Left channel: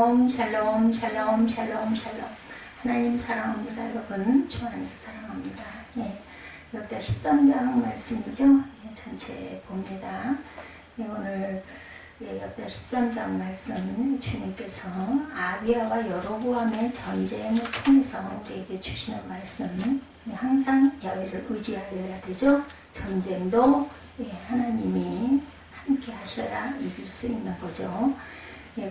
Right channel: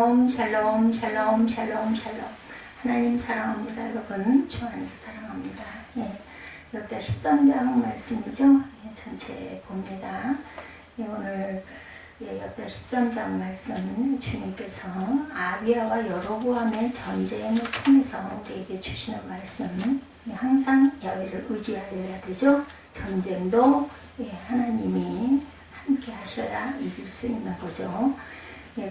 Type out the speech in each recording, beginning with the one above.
샬롬 샬롬 샬롬 샬롬. 하나님 사랑합니다. 여러분 주 안에서 사랑합니다. 여기다 13장 말씀이죠. 전체 봅니다. 오늘 여기다 13장 말씀 주님께서 아비야와 여로보암의 전쟁을 통해서 우리에게 주시는 말씀, 항상 야훼를 의지하여야 되죠. 전쟁도 하나님이 함께 하셔야 이길 수 있는 거죠.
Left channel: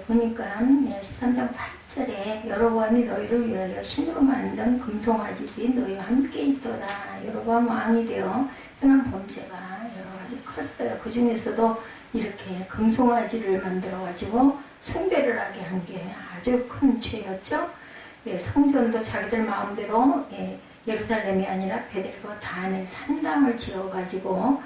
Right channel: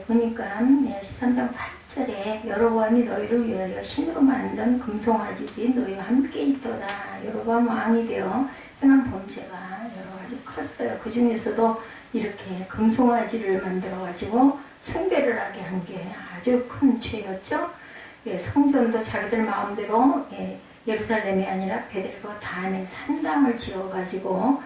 보니까 13장 8절에 여로보암이 너희를 위하여 신으로 만든 금송아지들이 너희와 함께 있도다. 여로보암 왕이 되어 행한 범죄가 여러 가지 컸어요. 그 중에서도 이렇게 금송아지를 만들어가지고 숭배를 하게 한 게 아주 큰 죄였죠. 성전도 자기들 마음대로 예루살렘이 아니라 베델과 단에 산당을 지어가지고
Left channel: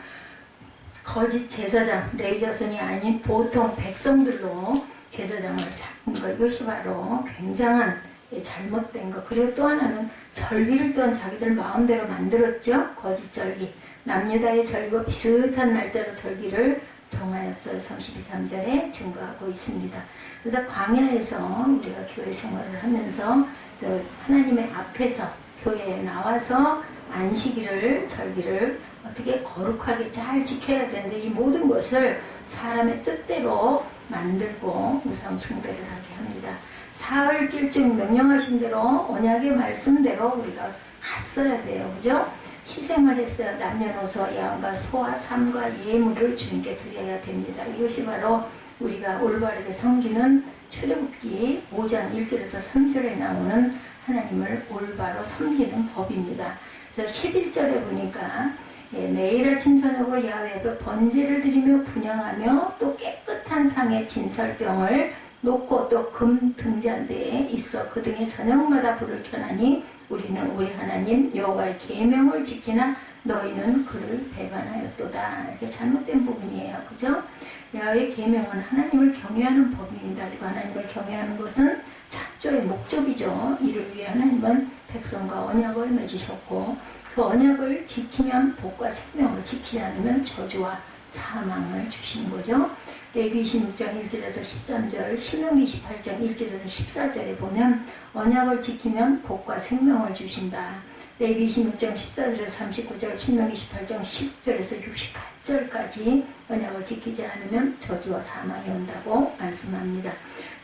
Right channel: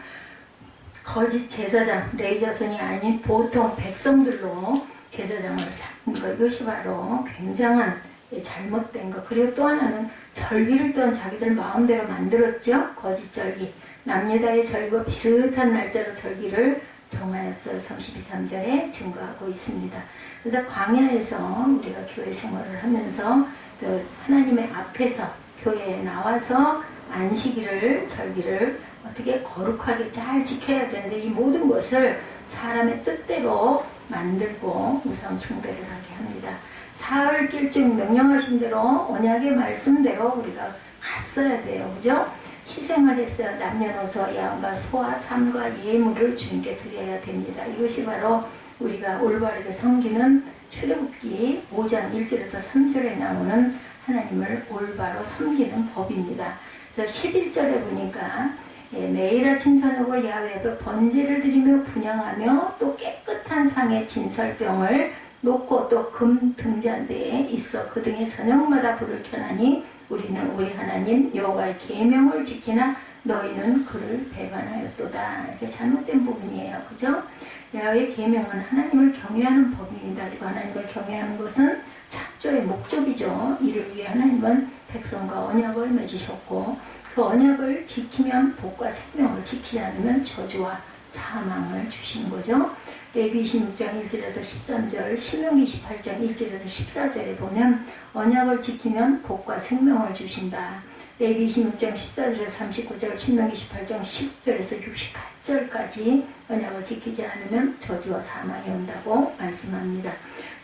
거짓 제사장, 레위 자손이 아닌 보통 백성들로 제사장을 삼은 것, 이것이 바로 굉장한 잘못된 것. 그리고 또 하나는 절기를 또한 자기들 마음대로 만들었죠. 거짓 절기, 남유다의 절기와 비슷한 날짜로 절기를 정하였어요. 32, 3절에 증거하고 있습니다. 그래서 광야에서 우리가 교회 생활을 하면서 또 하나님의 앞에서 교회에 나와서 안식일을, 절기를 어떻게 거룩하게 잘 지켜야 되는데, 이 모든 것을 사람의 뜻대로 만들고 우상 숭배를 하게 합니다. 사흘 길쯤 명령하신 대로 언약의 말씀대로 우리가 갔어야 돼요. 그죠? 희생을 했어요. 남녀노소 양과 소와 삶과 예물을 주님께 드려야 됩니다. 이것이 바로 우리가 올바르게 섬기는 출애굽기 5장 1절에서 3절에 나오는 하나님을 올바로 섬기는 법입니다. 그래서 11절에 보니까 매일 아침 저녁으로 야훼 앞에 번제를 드리며 분향하며 또 깨끗한 상에 진설병을 놓고 또 금 등잔대에 있어 그 등에 저녁마다 불을 켜나니 우리는 우리 하나님 여호와의 계명을 지키나 너희는 그를 배반하였도다. 이게 잘못된 부분이에요. 그죠? 여호와의 계명은 하나님을 경외하는 법입니다. 그리고 하나님을 경외하는 것은 창조의 목적이죠. 이를 위해 하나님은 백성과 언약을 맺으셨고, 그 언약을 지키면 복과 생명을, 지키지 않으면 저주와 사망을 주시는 거죠. 레위 26장 1절에서 13절, 신명기 28장 1절에서 14절에 보면 언약을 지키면 복과 생명을 주신다. 레위 26장 14절에서 39절, 신명기 18장 10절에서 68절까지 언약을 지키지 않으면 저주와 사망이 온다고 말씀합니다.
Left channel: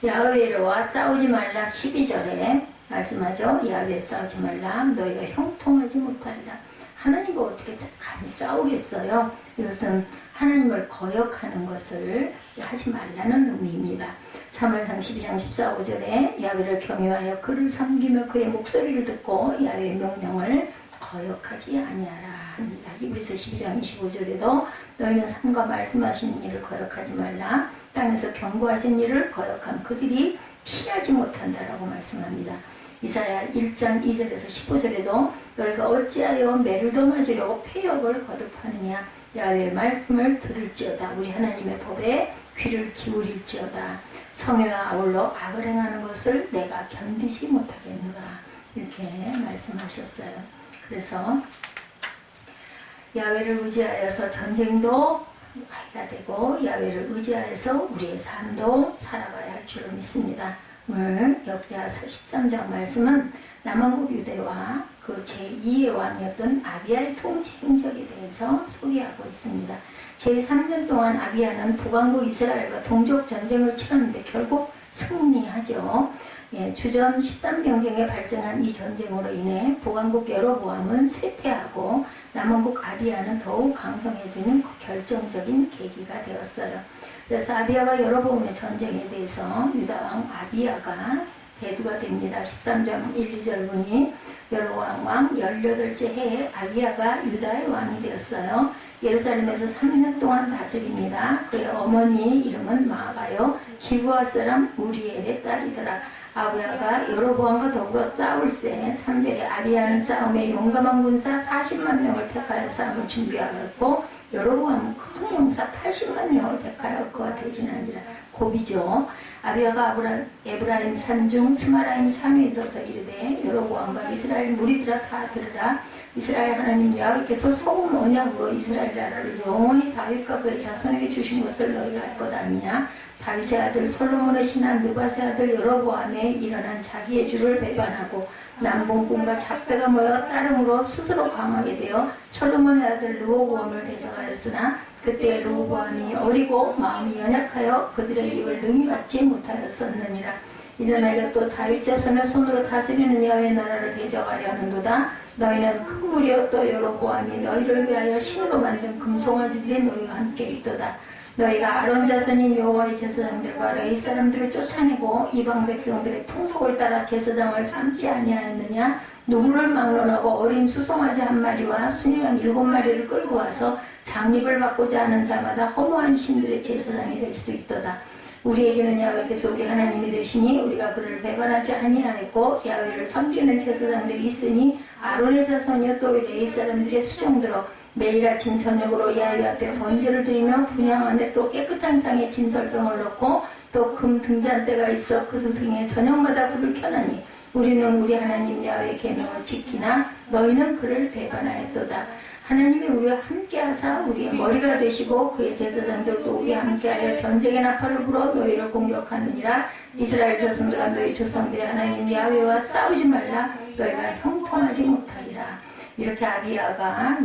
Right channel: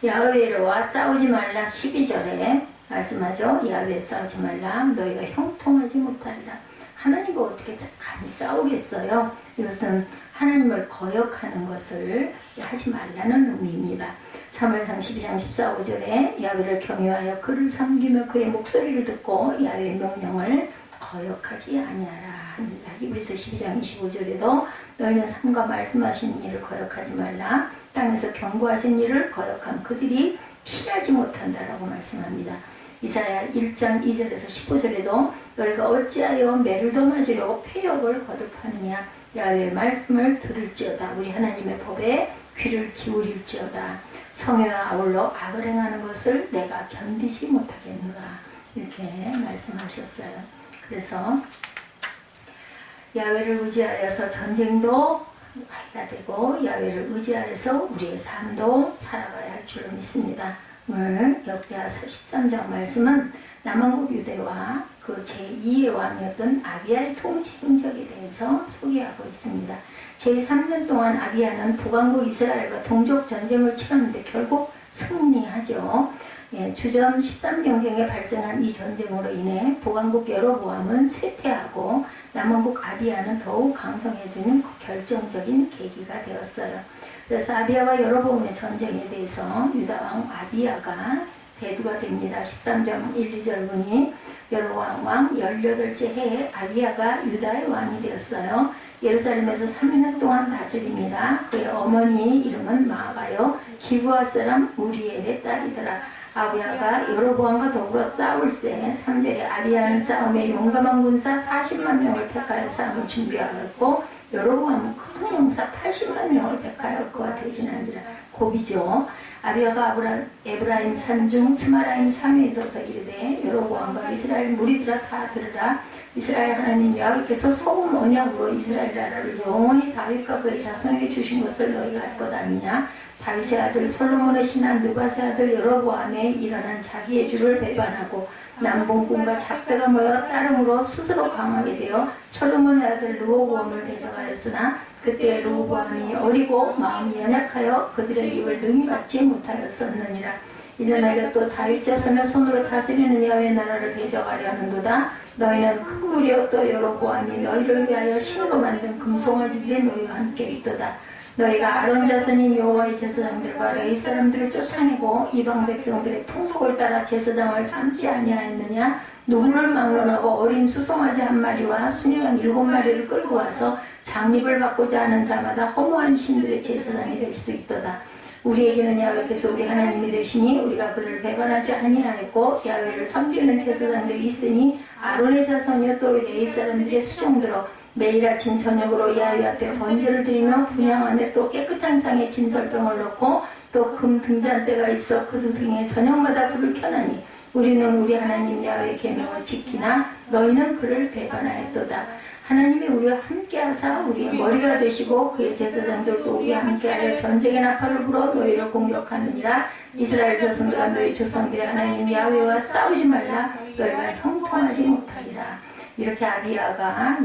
야훼와 싸우지 말라 12절에 말씀하죠. 야훼 싸우지 말라. 너희가 형통하지 못하리라. 하나님과 어떻게 감히 싸우겠어요? 이것은 하나님을 거역하는 것을 하지 말라는 의미입니다. 사무엘상 12장 14, 5절에 야훼를 경외하여 그를 섬기며 그의 목소리를 듣고 야훼의 명령을 거역하지 아니하라 합니다. 히브리서 12장 25절에도 너희는 삼가 말씀하신 일을 거역하지 말라. 땅에서 경고하신 일을 거역한 그들이 피하지 못한다라고 말씀합니다. 이사야 1장 2절에서 15절에도 너희가 어찌하여 매를 더 맞으려고 폐역을 거듭하느냐. 야훼의 말씀을 들을지어다. 우리 하나님의 법에 귀를 기울일지어다. 성회와 아울러 악을 행하는 것을 내가 견디지 못하겠노라. 이렇게 말씀하셨어요. 그래서 야훼를 의지하여서 전쟁도 해야 되고 야훼를 의지하여서 우리의 삶도 살아가야 할 줄을 믿습니다. 오늘 역대하서 13장 말씀은 남왕국 유대와 그 제2의 왕이었던 아비야의 통치 행적에 대해서 소개하고 있습니다. 제3년 동안 아비야는 북왕국 이스라엘과 동족 전쟁을 치렀는데 결국 승리하죠. 주전 13년경에 발생한 이 전쟁으로 인해 북왕국 여로보암은 쇠퇴하고 남왕국 아비야는 더욱 강성해지는 결정적인 계기가 되었어요. 그래서 아비야와 여로보암의 전쟁에 대해서 유다왕 아비야가 대두가 됩니다. 13장 1, 2절 보니 여로보암 왕 18째 해에 아비야가 유다의 왕이 되었어요. 예루살렘에서 3년 동안 다스립니다. 그의 어머니 이름은 마아가요 기브아 사람 우리엘의 딸이더라. 아비야가 여로보암과 더불어 싸울새 3절에 아비야는 싸움에 용감한 군사 40만 명을 택하여 싸움을 준비하였고 여로보암은 큰 용사 80만 명을 택하여 그와 대진하니라. 고비죠. 아비야가 에브라임 산중 스마라임 산에 서서 이르되 여로보암과 이스라엘 무리들아 다 들으라. 이스라엘 하나님 야훼께서 소금 언약으로 이스라엘 나라를 영원히 다윗과 그의 자손에게 주신 것을 너희가 알 것 아니냐. 다윗의 아들 솔로몬의 신하 느밧의 아들 여로보암에 일어난 자기의 주를 배반하고 남봉꾼과 잡대가 모여 따름으로 스스로 강하게 되어 솔로몬의 아들 르호보암을 대적하였으나 그때 르호보암이 어리고 마음이 연약하여 그들의 입을 능히 받지 못하였었느니라. 이제 내가 또 다윗 자손을 손으로 다스리는 여호와의 나라를 대적하려 하는도다. 너희는 큰 무리여 또 여로보암이 너희를 위하여 신으로 만든 금송아지들이 너희와 함께 있도다. 너희가 아론 자손인 여호와의 제사장들과 레위 사람들을 쫓아내고 이방 백성들의 풍속을 따라 제사장을 삼지 아니하였느냐? 누구를 막론하고 어린 수송아지 한 마리와 순양 7마리를 끌고 와서 장립을 받고자 하는 자마다 허무한 신들의 제사장이 될 수 있도다. 우리에게는 야훼께서 우리 하나님이 되시니 우리가 그를 배반하지 아니하였고 야훼를 섬기는 제사장들이 있으니 아론의 자손이여 또 레위 사람들의 수종들어 매일 아침 저녁으로 야훼 앞에 번제를 드리며 분향함에 또 깨끗한 상에 진설병을 넣고 또 금 등잔대가 있어 그 등에 저녁마다 불을 켜나니 우리는 우리 하나님 야훼의 계명을 지키나 너희는 그를 배반하였도다. 하나님이 우리와 함께하사 우리의 머리가 되시고 그의 제사장들도 우리와 함께하여 전쟁의 나팔을 불어 너희를 공격하느니라. 이스라엘 자손들아 너희 조상들의 하나님 야훼와 싸우지 말라. 너희가 형통하지 못하리라. 이렇게 아비야가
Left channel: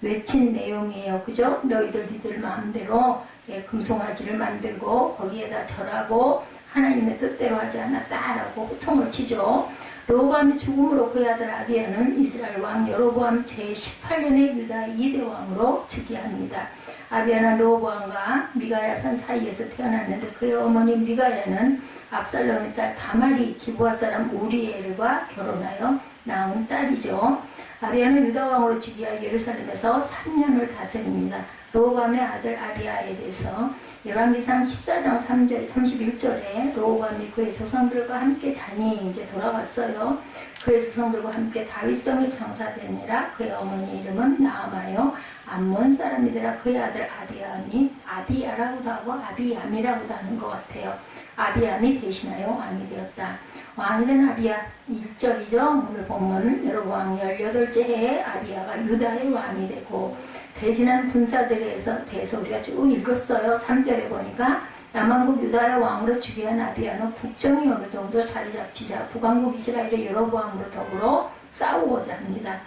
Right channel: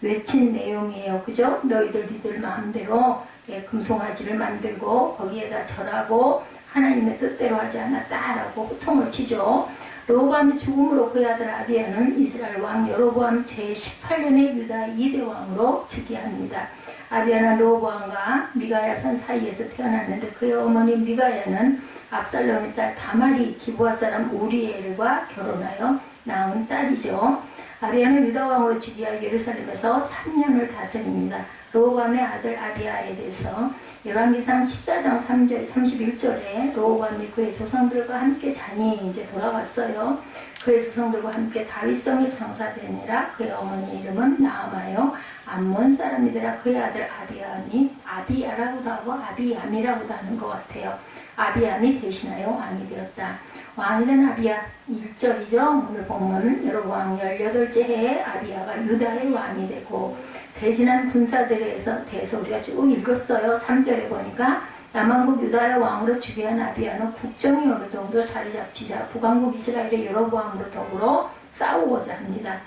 외친 내용이에요. 그죠? 니들 마음대로 금송아지를 만들고 거기에다 절하고 하나님의 뜻대로 하지 않았다라고 호통을 치죠. 르호보암이 죽음으로 그의 아들 아비야는 이스라엘 왕 여로보암 제18년의 유다 2대 왕으로 즉위합니다. 아비야는 르호보암과 미가야 산 사이에서 태어났는데 그의 어머니 미가야는 압살롬의 딸 다말이 기브아 사람 우리엘과 결혼하여 낳은 딸이죠. 아비야는 유다 왕으로 즉위하여 예루살렘에서 3년을 다스립니다. 르호보암의 아들 아비야에 대해서 열왕기상 14장 3절 31절에 르호보암이 그의 조상들과 함께 잔이 이제 돌아왔어요. 그의 조상들과 함께 다윗성에 장사되니라. 그의 어머니 이름은 나아마요 암몬 사람이더라. 그의 아들 아비암이 아비야라고도 하고 아비암이라고도 하는 것 같아요. 아비암이 대신하여 왕이 되었다. 왕이 된 아비야 1절이죠. 오늘 보면 여로보암 18째 해에 아비야가 유다의 왕이 되고 대신한 군사들에 대해서 우리가 쭉 읽었어요. 3절에 보니까 남왕국 유다의 왕으로 즉위한 아비야는 국정이 어느 정도 자리 잡히자 북왕국 이스라엘의 여로보암으로 더불어 싸우고자 합니다.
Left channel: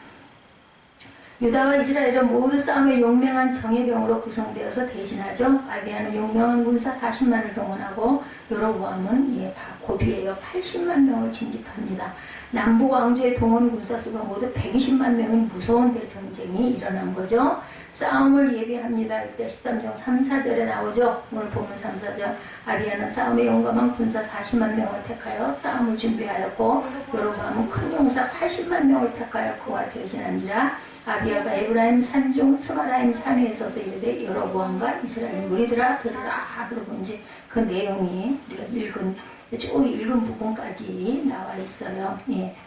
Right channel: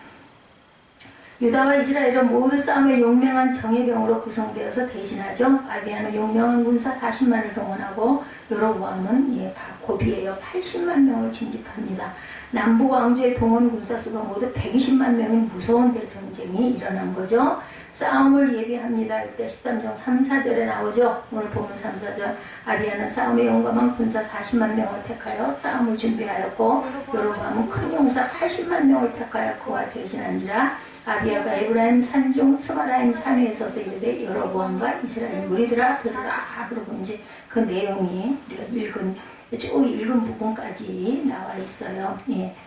유다와 이스라엘은 모두 싸움에 용맹한 정예병으로 구성되어서 대신하죠. 아비야는 용맹한 군사 40만을 동원하고 여로보암은 고비에요. 80만 명을 징집합니다. 남부 왕조의 동원 군사 수가 모두 120만 명인 무서운 대전쟁이 일어난 거죠. 싸움을 예비합니다. 이때 13장 3, 4절에 나오죠. 오늘 보면 3, 4절. 아비야는 싸움에 용감한 군사 40만 명을 택하여 싸움을 준비하였고 여로보암은 큰 용사 80만 명을 택하여 그와 대진한지라. 아비야가 에브라임 산중 스마라임 산에 서서 이르되 여로보암과 이스라엘 무리들아 들으라. 그러고 이제 그 내용이 우리가 쭉 읽은 부분까지 나와 있어요.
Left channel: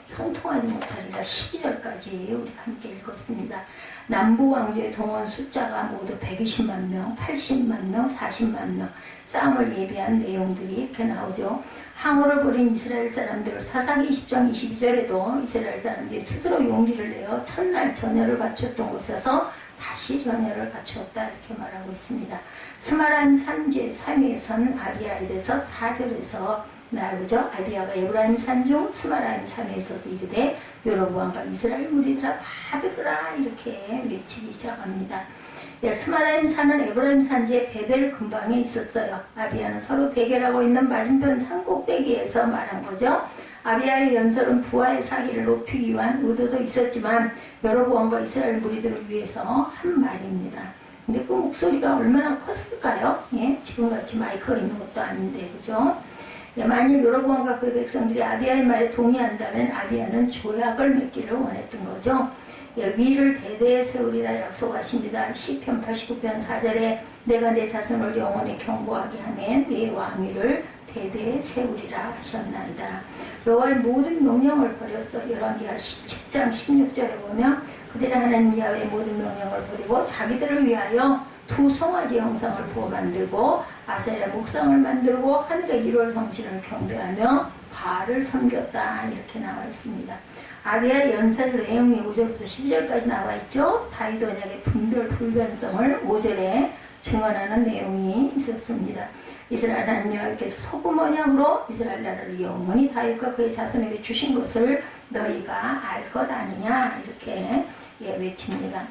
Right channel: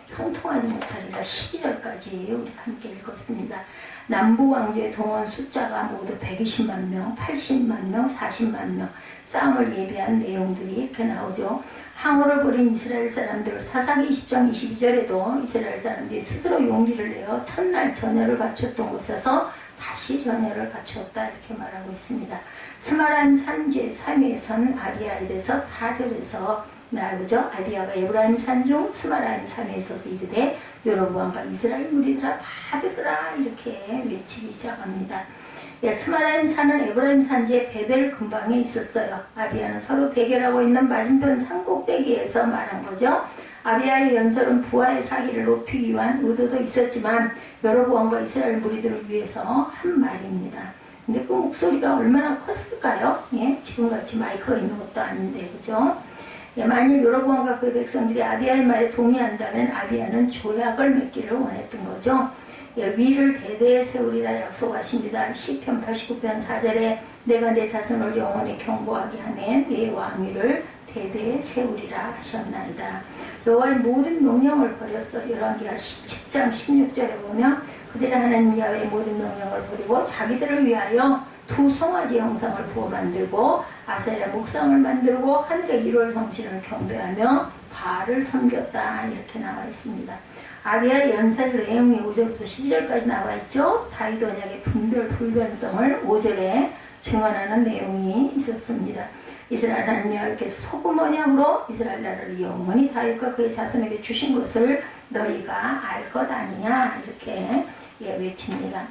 형통하지 못하리라 12절까지 우리가 함께 읽었습니다. 남부 왕조의 동원 숫자가 모두 120만 명, 80만 명, 40만 명 싸움을 예비한 내용들이 이렇게 나오죠. 항우를 벌인 이스라엘 사람들 사사기 20장 22절에도 이스라엘 사람들이 스스로 용기를 내어 첫날 전열을 갖췄던 곳에서 다시 전열을 갖추었다 이렇게 말하고 있습니다. 스마라임 산지의 3위의 선 아비야에 대해서 4절에서 나오죠. 아비야가 에브라임 산중 스마라임 산에 있어서 이르되 여로보암과 이스라엘 무리들아 다 들으라 이렇게 외치기 시작합니다. 스마라임 산은 에브라임 산지의 베델 근방에 있었어요. 아비야는 서로 대결하고 있는 맞은편 산 꼭대기에서 말한 거죠. 아비야의 연설은 부하의 사기를 높이기 위한 의도도 있었지만 여로보암과 이스라엘 무리들을 위해서 한 말입니다. 근데 그 목소리가 얼마나 컸을까요? 지금같이 마이크가 있는 것도 아닌데 그죠? 만일 여로보암과 그의 백성들이 아비야의 말에 동의한다면 아비야는 조약을 맺기를 원했던 거죠. 위를 대대에 세우리라 약속하십니다. 시편 89편 4절에 내가 내 자손을 영원히 경고하게 하면 내 왕위를 대대에 세우리라 하셨나이다. 여호와의 모든 명령을 버렸어. 열왕기하 17장 16절에 보면 그들이 하나님 야훼의 모든 명령을 버리고 자기들을 위하여 두 송아지 형상을 부어 만들고 아세라 목상을 만들고 하늘의 1월 성신을 경배하며 바알을 섬겼다 이렇게 나와 있습니다. 아비야의 연설 내용이 5절부터 12절까지 나와 있죠. 다윗 언약의 분별 불변성을 5절에 증언하는 내용이 있었습니다. 이스라엘 하나님 여호와께서 소금 언약으로 이스라엘 나라를 영원히 다윗과 그의 자손에게 주신 것을 너희가 알 것 아니냐 이렇게 외칩니다.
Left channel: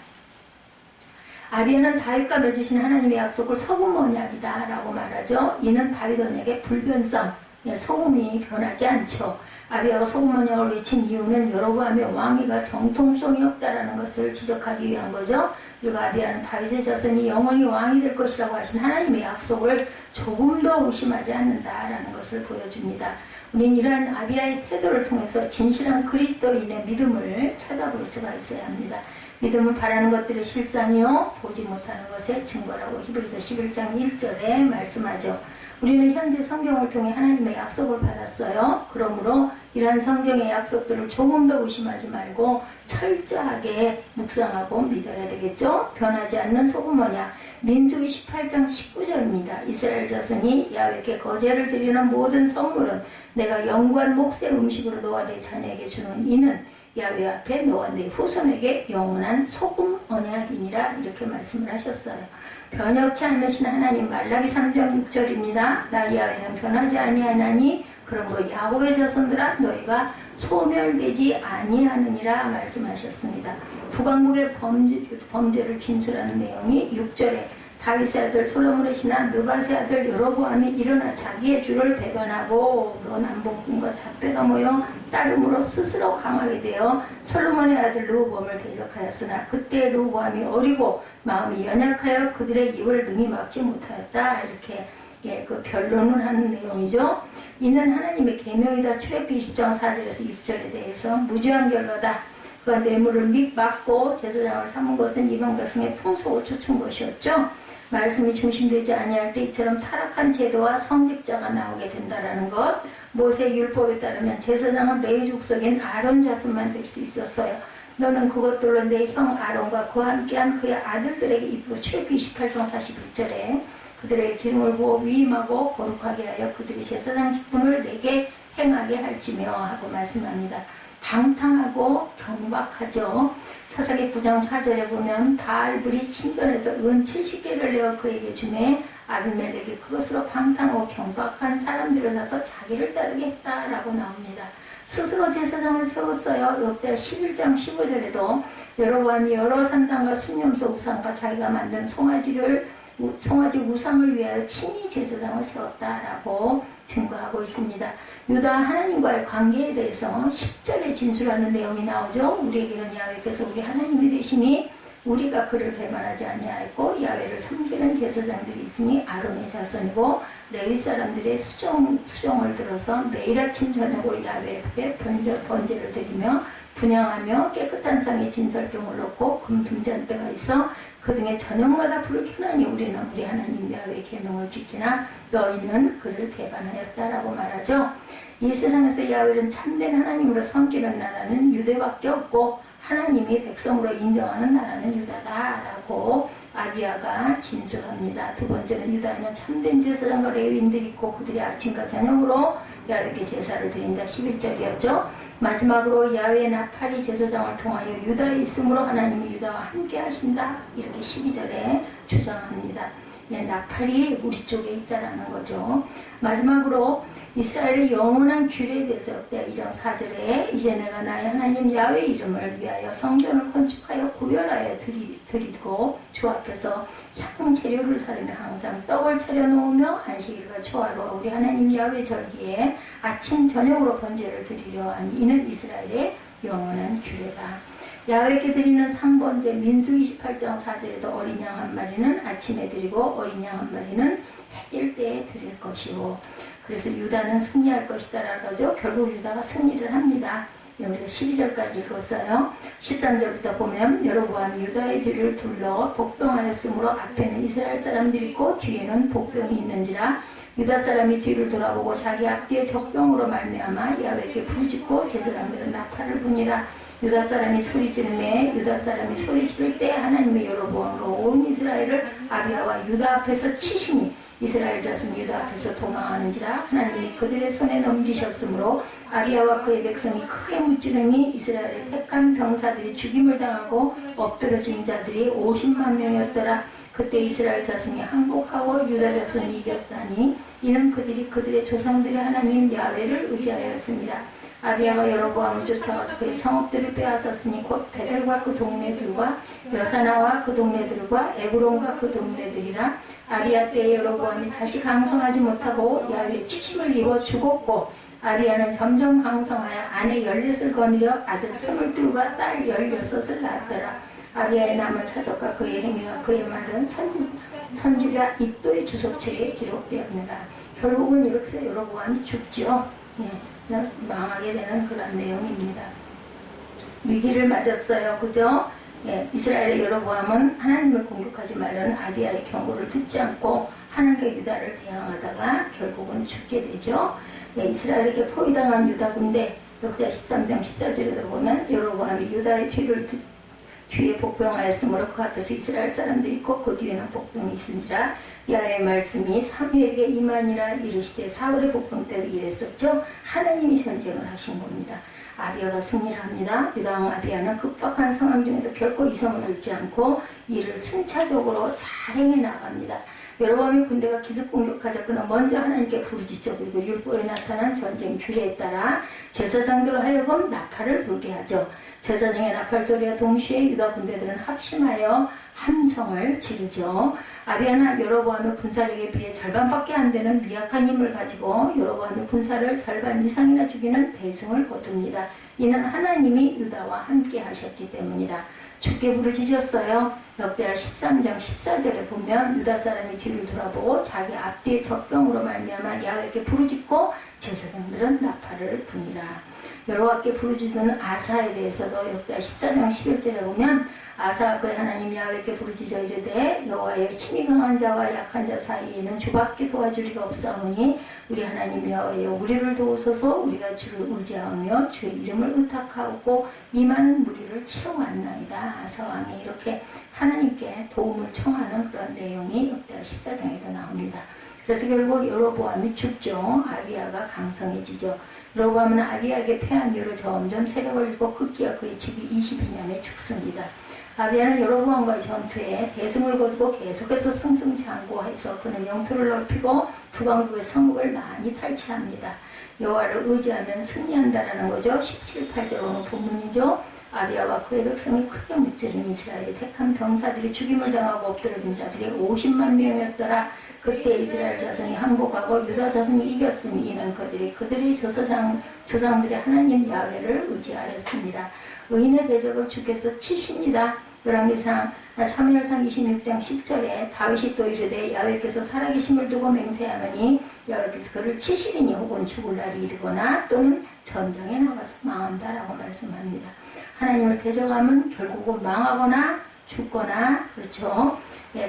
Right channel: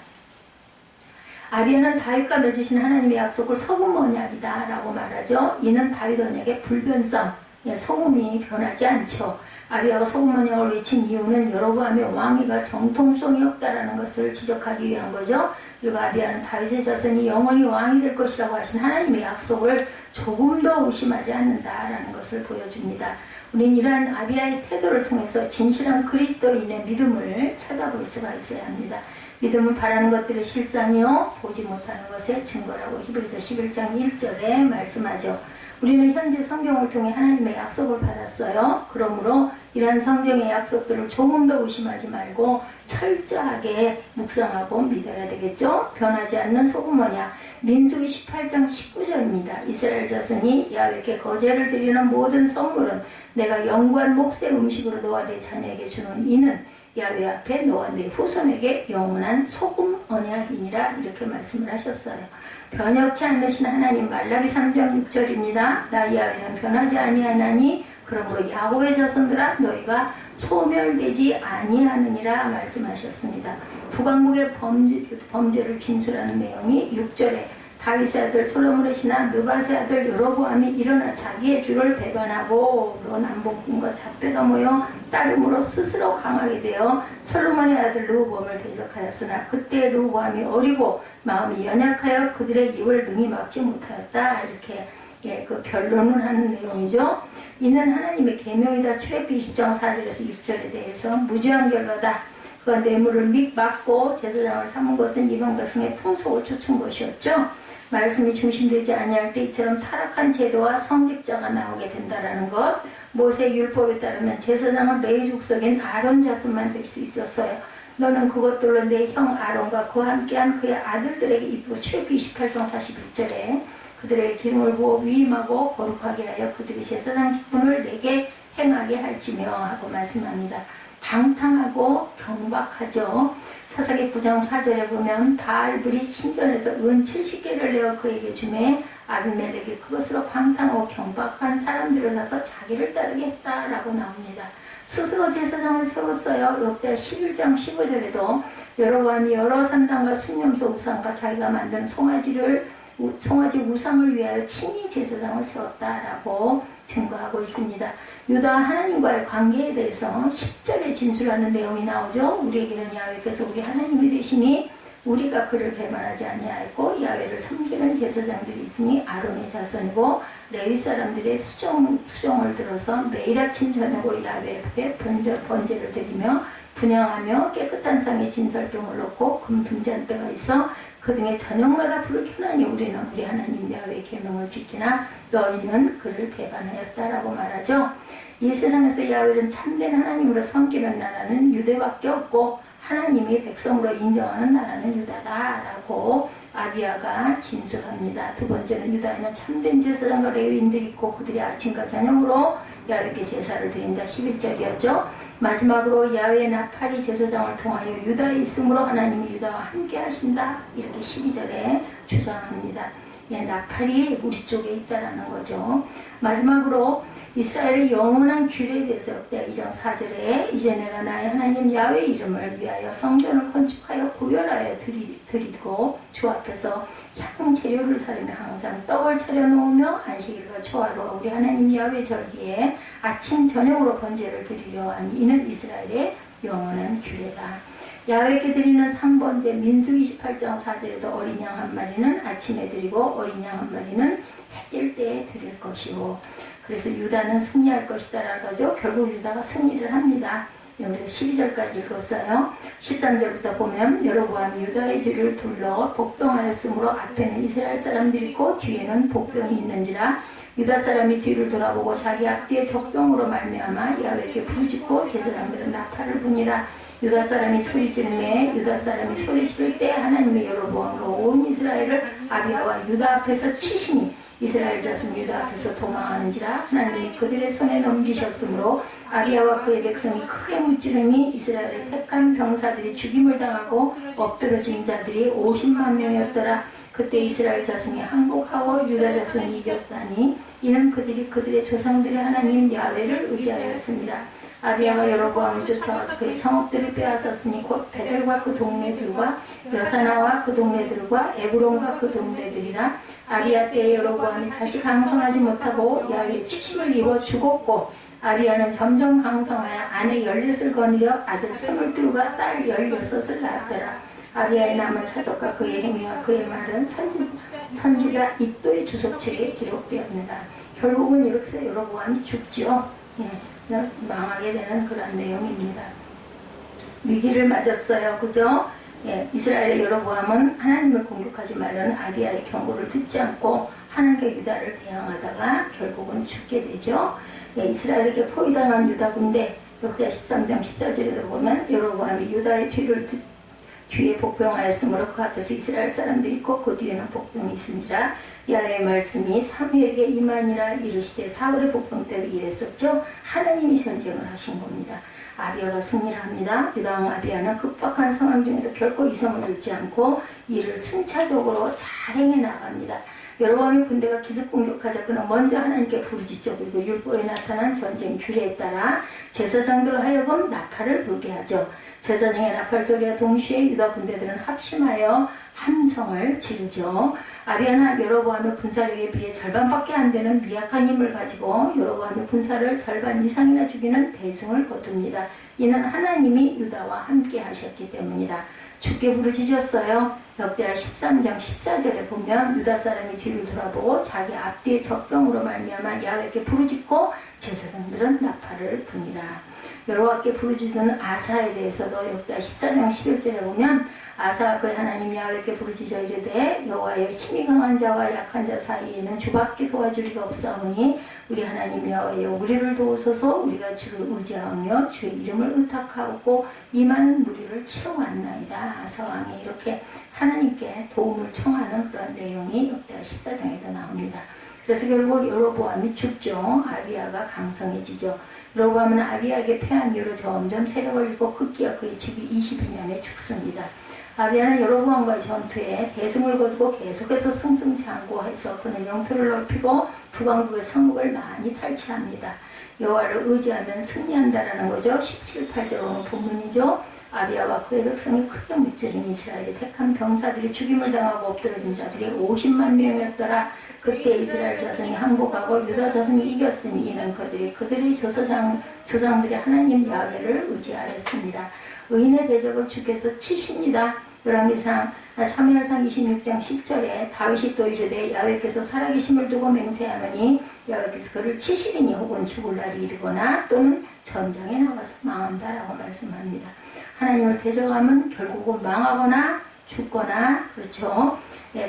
아비야는 다윗과 맺으신 하나님의 약속을 소금 언약이다 라고 말하죠. 이는 다윗 언약의 불변성, 소금이 변하지 않죠. 아비야가 소금 언약을 외친 이유는 여로보암의 왕위가 정통성이 없다라는 것을 지적하기 위한 거죠. 그리고 아비야는 다윗의 자손이 영원히 왕이 될 것이라고 하신 하나님의 약속을 조금도 의심하지 않는다라는 것을 보여줍니다. 우리는 이러한 아비야의 태도를 통해서 진실한 그리스도인의 믿음을 찾아볼 수가 있어야 합니다. 믿음은 바라는 것들의 실상이요 보지 못하는 것의 증거라고 히브리서 11장 1절에 말씀하죠. 우리는 현재 성경을 통해 하나님의 약속을 받았어요. 그러므로 이러한 성경의 약속들을 조금 더 의심하지 말고 철저하게 묵상하고 믿어야 되겠죠. 변하지 않는 소금 언약, 민수기 18장 19절입니다. 이스라엘 자손이 야훼께 거제를 드리는 모든 선물은 내가 영구한 몫의 음식으로 너와 내 자녀에게 주는 이는 야훼 앞에 너와 내 후손에게 영원한 소금 언약이니라 이렇게 말씀을 하셨어요. 변혁치 않으신 하나님 말라기 3장 6절입니다. 나 야훼는 변하지 아니하나니 그러므로 야곱의 자손들아 너희가 소멸되지 아니하느니라 말씀하셨습니다. 북왕국의 범죄를 진술하는 내용이 6절에 다윗의 아들 솔로몬의 신하 느밧의 아들 여로보암이 일어나 자기의 주를 배반하고 남복군과 잡혀가 모여 따름으로 스스로 강하게 되어 솔로몬의 아들 르호보암을 대적하였으나 그때 르호보암이 어리고 마음이 연약하여 그들의 입을 능히 막지 못하였다. 이렇게 그 변론을 하는 내용이죠. 이는 하나님의 계명이다. 출애굽기 20장 4절에서 6절에 대해서 무죄한 결과다. 그가 뇌물을 믹 막고 제사장을 삼은 것은 이방 백성의 풍속을 쫓은 것이었죠. 말씀이 중심되지 아니할 때 이처럼 타락한 제도와 성직자가 나오게 된다라는 것. 모세 율법에 따르면 제사장은 레위 족속인 아론 자손만 될 수 있었어요. 너는 그것들로 내 형 아론과 그와 함께한 그의 아들들에게 입히고 출애굽기 28장 41절에 그들의 기름을 부어 위임하고 거룩하게 하여 그들이 제사장 직분을 내게 행하게 할지며 하고 말씀합니다. 방탕하고 경박하죠. 사사기 9장 4절에 보면 바알불이 신전에서 은 70개를 내어 그에게 주매 아비멜렉이 그것으로 방탕하고 경박한 사람들을 사서 자기를 따르게 했다라고 나옵니다. 스스로 제사장을 세웠어요. 역대 11장 15절에도 여로보암이 여러 산당과 순념소 우상과 자기가 만든 송아지 우상을 위하여 친히 제사장을 세웠다라고 증거하고 있습니다. 유다 하나님과의 관계에 대해서 10절에 진술하는 내용이 나오죠. 우리에게는 야훼께서 우리 하나님이 되시니 우리가 그를 배반하지 아니하였고 야훼를 섬기는 제사장들이 있으니 아론의 자손이고 레위 사람들의 수종을 들어서 매일 아침 저녁으로 야훼 앞에 번제를 드리며 분향하며 깨끗한 상에 진설병을 넣고 금 등잔대가 있어 그 등에 저녁마다 불을 켜나니 우리는 우리 하나님 야훼의 계명을 지키나 너희는 그를 배반하였다라고 말하죠. 이 세상에서 야훼는 참된 하나님으로 섬기는 나라는 유대밖에 없고 하나님이 백성으로 인정하는 나라는 유다다라고 아비야가 진술합니다. 두 번째는 유다에는 참된 제사장과 레위인들이 있고 그들이 아침과 저녁으로 야훼께 제사를 드린다. 11절이었죠. 마지막으로 야훼의 나팔이 제사장을 통하여 유다에 있으므로 하나님이 유다와 함께 하신다. 이렇게 12절에 주장합니다. 나팔이 우리 쪽에 있다라는 거죠. 마지막으로 이스라엘의 영원한 규례에 대해서 역대 2장 4절에 이제 내가 나의 하나님 야훼의 이름을 위하여 성전을 건축하여 구별하여 드리고 주 앞에서 향 재료를 사르며 항상 떡을 차려놓으며 안식일과 초하루와 우리 하나님 야훼 절기에 아침 저녁으로 번제를 드리려 하니 이는 이스라엘의 영원한 규례다. 야훼께 드리는 상번제 민수기 28장 4절에도 어린 양 한 마리는 아침에 드리고 어린 양 한 마리는 해질 때에 드릴 것이고 그래서 유다는 승리할 것이다 라고 하죠. 결국 유다가 승리를 합니다. 우리가 12절까지 읽었어요. 13절부터 보면 여로보암이 유다의 뒤를 둘러 복병하였으므로 앞에는 이스라엘 사람들이 있고 뒤에는 복병이 있는지라 유다 사람이 뒤를 돌아보고 자기 앞뒤에 적병으로 말미암아 야훼께 부르짖고 제사장들은 나팔을 부니라. 유다 사람이 소리 지르매 유다 사람이 소리 지를 때 하나님의 여로보암과 온 이스라엘을 아비야와 유다 앞에서 치시니 이스라엘 자손 유다 앞에서 도망하는지라 하나님이 그들의 손에 넘기셨으므로 아비야와 그의 백성이 크게 무찌르니 이스라엘의 택한 병사들이 죽임을 당하고 엎드러진 자들이 50만 명이었더라. 그때 이스라엘 자손이 항복하고 유다 자손이 이겼사니 이는 그들이 그들의 조상들의 하나님 야훼를 의지하였습니다. 아비야가 여로보암을 쫓아가서 그의 성읍들을 빼앗았으니 곧 베델과 그 동네들과 여사나와 그 동네들과 에브론과 그 동네들이라. 아비야 때에 여로보암이 다시 강성하지 못하고 야훼의 치심을 입어 죽었고 아비야는 점점 강성하여 아내 14을 거느려 아들 22과 딸 16을 낳았더라. 아비야의 남은 사적과 그의 행위와 그의 말은 선지자 이도의 주소책에 기록되었느라. 결국은 이렇게 여로보암이 죽죠. 망하게 되는 그런 내용입니다. 위기를 맞았어요. 그죠? 이스라엘의 여로보암은 하나님을 공격하지 말라는 아비야의 경고를 듣지 않고 하나님과 유다를 대항하다가 결국은 죽게 되죠. 이스라엘에게 포위당한 유다 군대 역대하 13장 14절에도 보면 여로보암이 유다의 뒤에 복병하였으므로 그 앞에서 이스라엘 사람들이 있고 그 뒤에는 복병이 있으니라. 야훼의 말씀이 사무엘에게 임하니라. 이르시되 사울의 복병 때도 이랬었죠. 하나님이 전쟁을 하신 겁니다. 아비야가 승리를 합니다. 유다왕 아비야는 급박한 상황 중에도 결코 이성을 잃지 않고 이를 순차적으로 잘 행해 나갑니다. 여로보암의 군대가 기습 공격하자 그는 먼저 하나님께 부르짖죠. 그리고 율법에 나타난 전쟁 규례에 따라 제사장들로 하여금 나팔을 불게 하죠. 제사장의 나팔 소리와 동시에 유다 군대들은 합심하여 함성을 지르죠. 아비야는 여로보암의 군사력에 비해 절반밖에 안 되는 미약한 힘을 가지고 여로보암의 군사를 절반 이상이나 죽이는 대승을 거둡니다. 이는 하나님이 유다와 함께 하셨기 때문이다. 죽게 부르짖었어요. 역대하 13장 14절에 보면 유다 사람이 뒤를 돌아보고 자기 앞뒤의 적병으로 말미암아 야훼께 부르짖고 제사장들은 나팔을 부니라. 여호와께 부르짖는 아사에 대해서도 역대하 14장 11절에 보면 아사가 그의 하나님 야훼께 부르짖어 이르되 여호와여 힘이 강한 자와 약한 자 사이에는 주밖에 도와줄 리가 없사오니 우리 하나님 여호와여 우리를 도우소서. 우리가 주를 의지하며 주의 이름을 의탁하고 이 많은 무리를 치러왔나이다. 아사왕이 이렇게 하나님께 도움을 청하는 그런 내용이 역대하 14장에도 나옵니다. 그래서 결국 여로보암이 죽죠. 아비야가 강성해지죠. 여로보암은 아비야에게 패한 이후로 점점 세력을 잃고 급기야 그의 집이 22년에 죽습니다. 아비야는 여로보암과의 전투에 대승을 거두고 계속해서 승승장구해서 그는 영토를 넓히고 북왕국의 성읍을 많이 탈취합니다. 여호와를 의지하면 승리한다라는 거죠. 17, 8절 오늘 본문이죠. 아비야와 그의 백성이 크게 무찌른 이스라엘의 택한 병사들이 죽임을 당하고 엎드러진 자들이 50만 명이었더라. 그때 이스라엘 자손이 항복하고 유다 자손이 이겼으니 이는 그들의 조상들의 하나님 야훼를 의지하였습니다. 의인의 대적을 주께서 치십니다. 열왕기상 3일상 26장 10절에 다윗이 또 이르되 야훼께서 살아계심을 두고 맹세하노니 야훼께서 그를 치시리니 혹은 죽을 날이 이르거나 또는 전장에 나가서 망한다라고 말씀합니다. 하나님을 대적하면 결국은 망하거나 죽거나 그렇죠.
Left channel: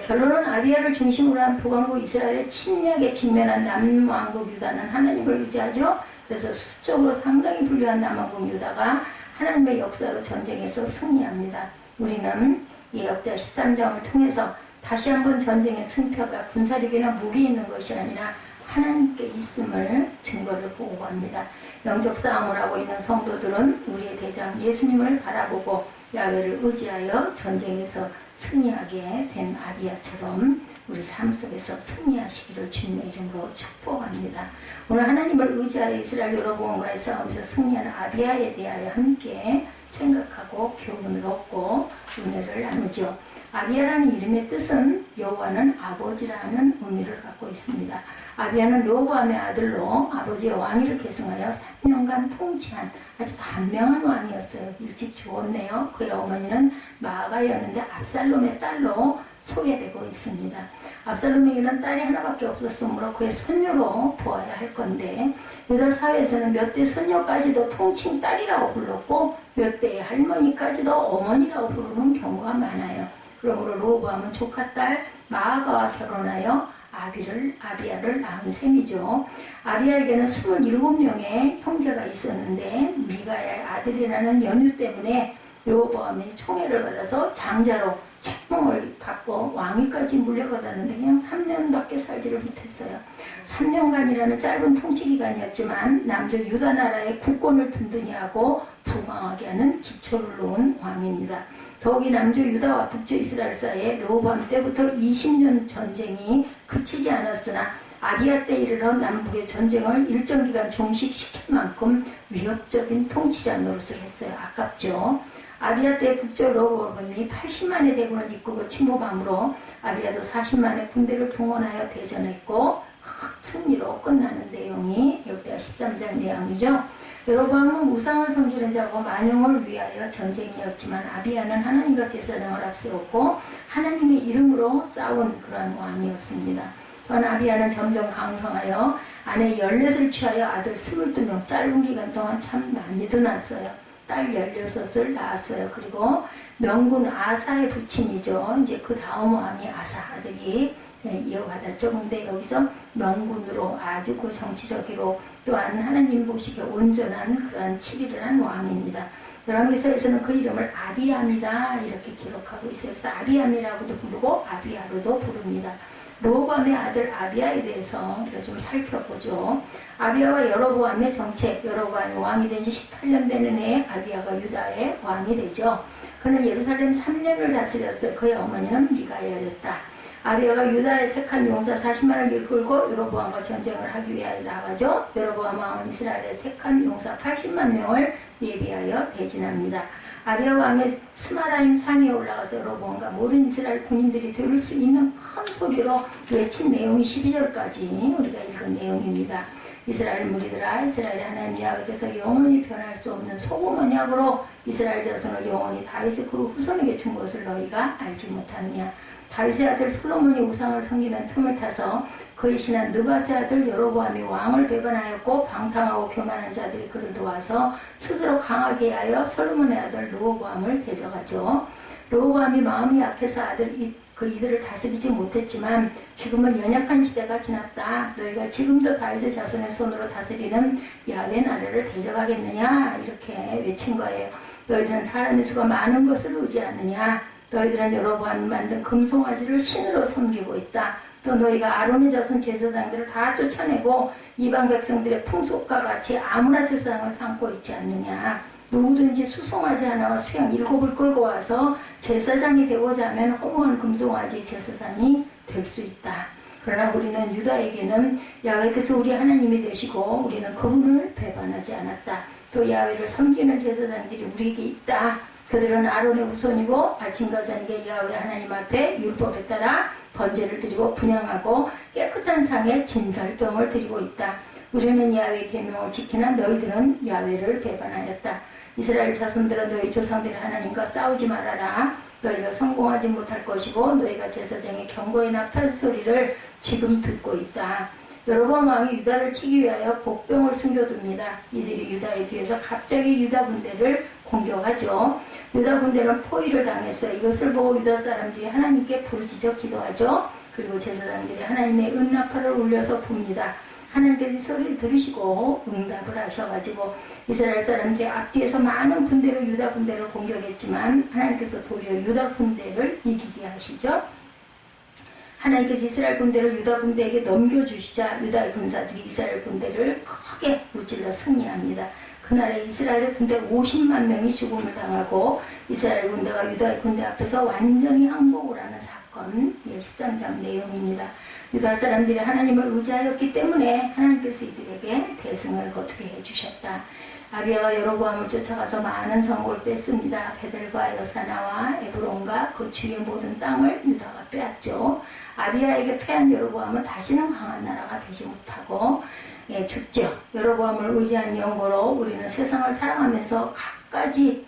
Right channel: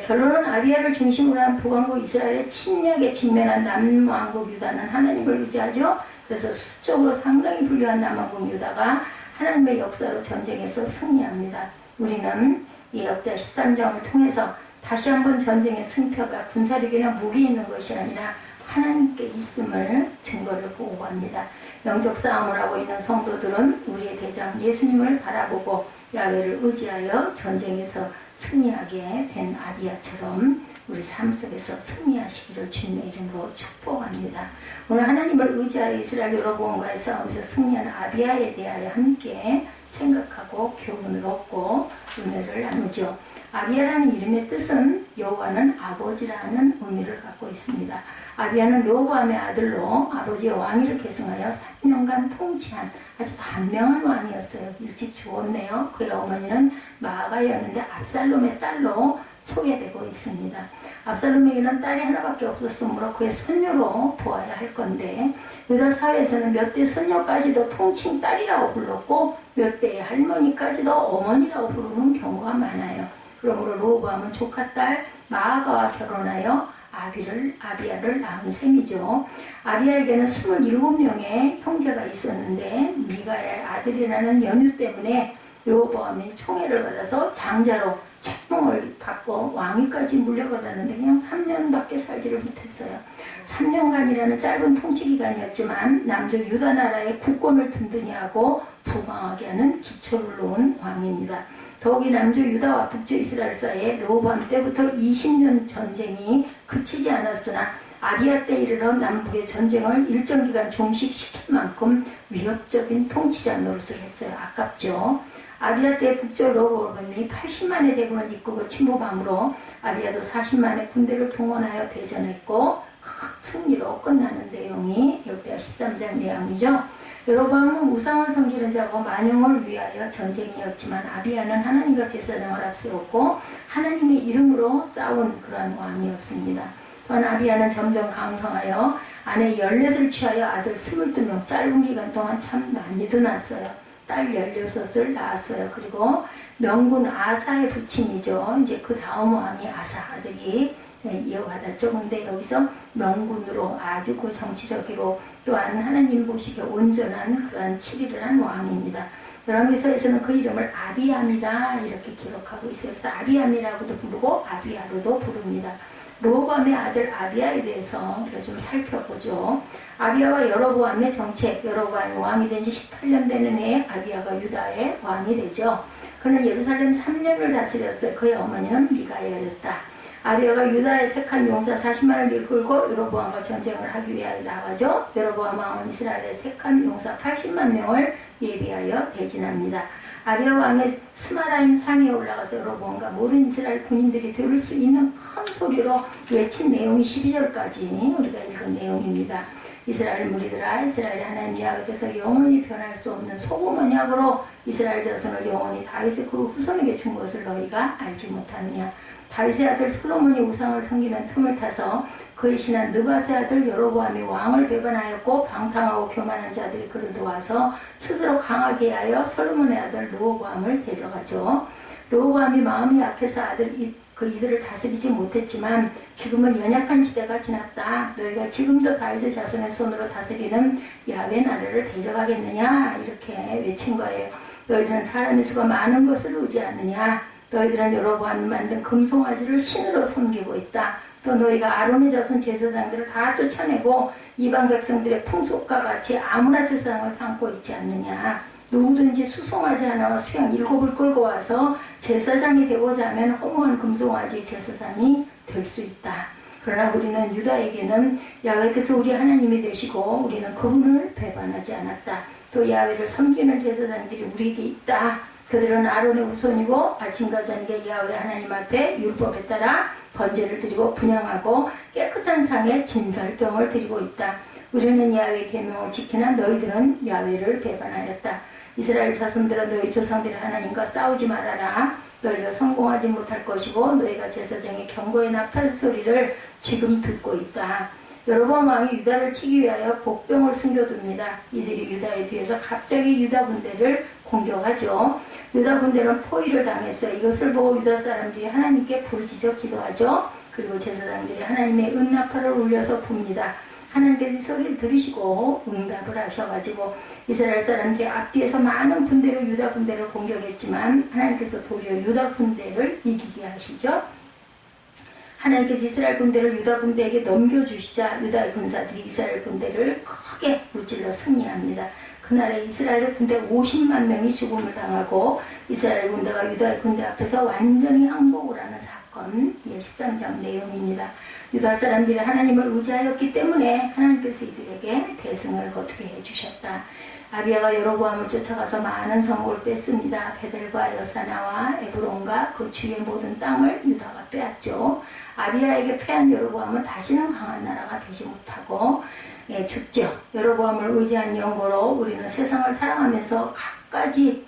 결론은 아비야를 중심으로 한 북왕국 이스라엘의 침략에 직면한 남왕국 유다는 하나님을 의지하죠. 그래서 수적으로 상당히 불리한 남왕국 유다가 하나님의 역사로 전쟁에서 승리합니다. 우리는 이 역대하 13장을 통해서 다시 한번 전쟁의 승패가 군사력이나 무기에 있는 것이 아니라 하나님께 있음을 증거를 보고합니다. 영적 싸움을 하고 있는 성도들은 우리의 대장 예수님을 바라보고 야훼를 의지하여 전쟁에서 승리하게 된 아비야처럼 우리 삶 속에서 승리하시기를 주님의 이름으로 축복합니다. 오늘 하나님을 의지하여 이스라엘 여로보암과의 싸움에서 승리하는 아비야에 대하여 함께 생각하고 교훈을 얻고 은혜를 나누죠. 아비야라는 이름의 뜻은 여호와는 아버지라는 의미를 갖고 있습니다. 아비야는 여로보암의 아들로 아버지의 왕위를 계승하여 3년간 통치한 아주 단명한 왕이었어요. 일찍 죽었네요. 그의 어머니는 마아가였는데 압살롬의 딸로 소개되고 있습니다. 압살롬에게는 딸이 하나밖에 없었으므로 그의 손녀로 보아야 할 건데 유다 사회에서는 몇 대 손녀까지도 통칭 딸이라고 불렀고 몇 대의 할머니까지도 어머니라고 부르는 경우가 많아요. 그러므로 르호보암은 조카 딸 마아가와 결혼하여 아비야를 낳은 셈이죠. 아비야에게는 27명의 형제가 있었는데 미가의 아들이라는 연유 때문에 르호보암이 총애를 받아서 장자로 책봉을 받고 왕위까지 물려받았는데 그냥 3년밖에 살지를 못했어요. 3년간이라는 짧은 통치기간이었지만 남쪽 유다 나라의 국권을 든든히 하고 부강하게 하는 기초를 놓은 왕입니다. 더욱이 남주 유다와 북주 이스라엘 사이에 르호보암 때부터 20년 전쟁이 그치지 않았으나 아비야 때 이르러 남북의 전쟁을 일정 기간 종식시킬 만큼 위협적인 통치자 노릇을 했어요. 아깝죠. 아비야 때 북쪽 르호보암이 80만의 대군을 이끌고 침공함으로 아비야도 40만의 군대를 동원하여 대전했고 큰 승리로 끝나는 내용이 역대하 13장 내용이죠. 르호보암은 우상을 섬기는 자고 만영을 위하여 전쟁이었지만 아비야는 하나님과 제사장을 앞세웠고 하나님의 이름으로 싸운 그러한 왕이었습니다. 또한 아비야는 점점 강성하여 아내 14을 취하여 아들 22명, 짧은 기간 동안 참 많이도 낳았어요. 딸 16을 낳았어요. 그리고 명군 아사의 부친이죠. 이제 그 다음 왕이 아사 아들이 이어받았죠. 근데 여기서 명군으로 아주 그 정치적으로 또한 하나님 보시기에 온전한 그러한 치리를 한 왕입니다. 열왕기서에서는 그 이름을 아비암이다 이렇게 기록하고 있어요. 그래서 아비암이라고도 부르고 아비야로도 부릅니다. 르호보암의 아들 아비야에 대해서 우리가 좀 살펴보죠. 아비야와 여로보암의 정책, 여로보암이 왕이 된 지 18년 되는 해에 아비야가 유다의 왕이 되죠. 그는 예루살렘 3년을 다스렸어요. 그의 어머니는 미가야였다. 아비야가 유다의 택한 용사 40만을 이끌고 여로보암과 전쟁을 하기 위하여 나가죠. 여로보암 왕은 이스라엘의 택한 용사 80만 명을 예비하여 대진합니다. 아비야 왕의 스마라임 산에 올라가서 여로보암과 모든 이스라엘 군인들이 들을 수 있는 큰 소리로 외친 내용이 12절까지 우리가 읽은 내용입니다. 이스라엘 무리들아, 이스라엘의 하나님 야훼께서 영원히 변할 수 없는 소금 언약으로 이스라엘 자손을 영원히 다윗의 그 후손에게 준 것을 너희가 알지 못하느냐. 다윗의 아들 솔로몬이 우상을 섬기는 틈을 타서 그의 신한 느밧의 아들 여로보암이 왕을 배반하였고 방탕하고 교만한 자들이 그를 도와서 스스로 강하게 하여 솔로몬의 아들 르호보암을 대적하죠. 르호보암이 마음이 약해서 이들을 다스리지 못했지만 지금은 연약한 시대가 지났다. 너희가 지금도 다윗의 자손의 손으로 다스리는 야훼 나라를 대적하겠느냐 이렇게 외친 거예요. 너희들은 사람의 수가 많은 것을 의지하느냐. 너희들은 여로보암이 만든 금송아지를 신으로 섬기고 있다. 또 너희가 아론의 자손 제사장들을 다 쫓아내고 이방 백성들의 풍속과 같이 아무나 제사장을 삼고 있지 않느냐. 누구든지 수송아지 하나와 수양 7을 끌고 와서 제사장이 되고자 하면 허무한 금송아지 제사장이 될 수 있다. 그러나 우리는 유다에게는 야훼께서 우리 하나님이 되시고 우리는 그분을 배반하지 않았다. 또 야훼를 섬기는 제사장들이 우리에게 있다. 그들은 아론의 후손이고 아침과 저녁에 야훼 하나님 앞에 율법에 따라 번제를 드리고 분향하고 깨끗한 상에 진설병을 드리고 있다. 우리는 야훼의 계명을 지키나 너희들은 야훼를 배반하였다. 이스라엘 자손들아 너희 조상들의 하나님과 싸우지 말아라. 너희가 성공하지 못할 것이고 너희가 제사장의 경고의 나팔 소리를 지금 듣고 있다. 여로보암 왕이 유다를 치기 위하여 복병을 숨겨둡니다. 이들이 유다의 뒤에서 갑자기 유다 군대를 공격하죠. 유다 군대는 포위를 당했어요. 이것을 보고 유다 사람들이 하나님께 부르짖어 기도하죠. 그리고 제사장들이 하나님의 은나팔을 울려서 붑니다. 하나님께서 소리를 들으시고 응답을 하셔가지고 이스라엘 사람들이 앞뒤에서 많은 군대로 유다 군대를 공격했지만 하나님께서 도리어 유다 군대를 이기게 하시죠. 하나님께서 이스라엘 군대를 유다 군대에게 넘겨주시자 유다의 군사들이 이스라엘 군대를 크게 무찔러 승리합니다. 그날에 이스라엘 군대 50만 명이 죽음을 당하고 이스라엘 군대가 유다의 군대 앞에서 완전히 항복을 하는 사건, 13장 내용입니다. 유다 사람들이 하나님을 의지하였기 때문에 하나님께서 이들에게 대승을 거두게 해주셨다. 아비야가 여로보암을 쫓아가서 많은 성읍을 뺐습니다. 베델과 여사나와 에브론과 그 주위의 모든 땅을 유다가 빼앗죠. 아비야에게 패한 여로보암은 다시는 강한 나라가 되지 못하고 죽죠. 여로보암을 의지한 연고로 우리는 세상을 살아가면서 갖가지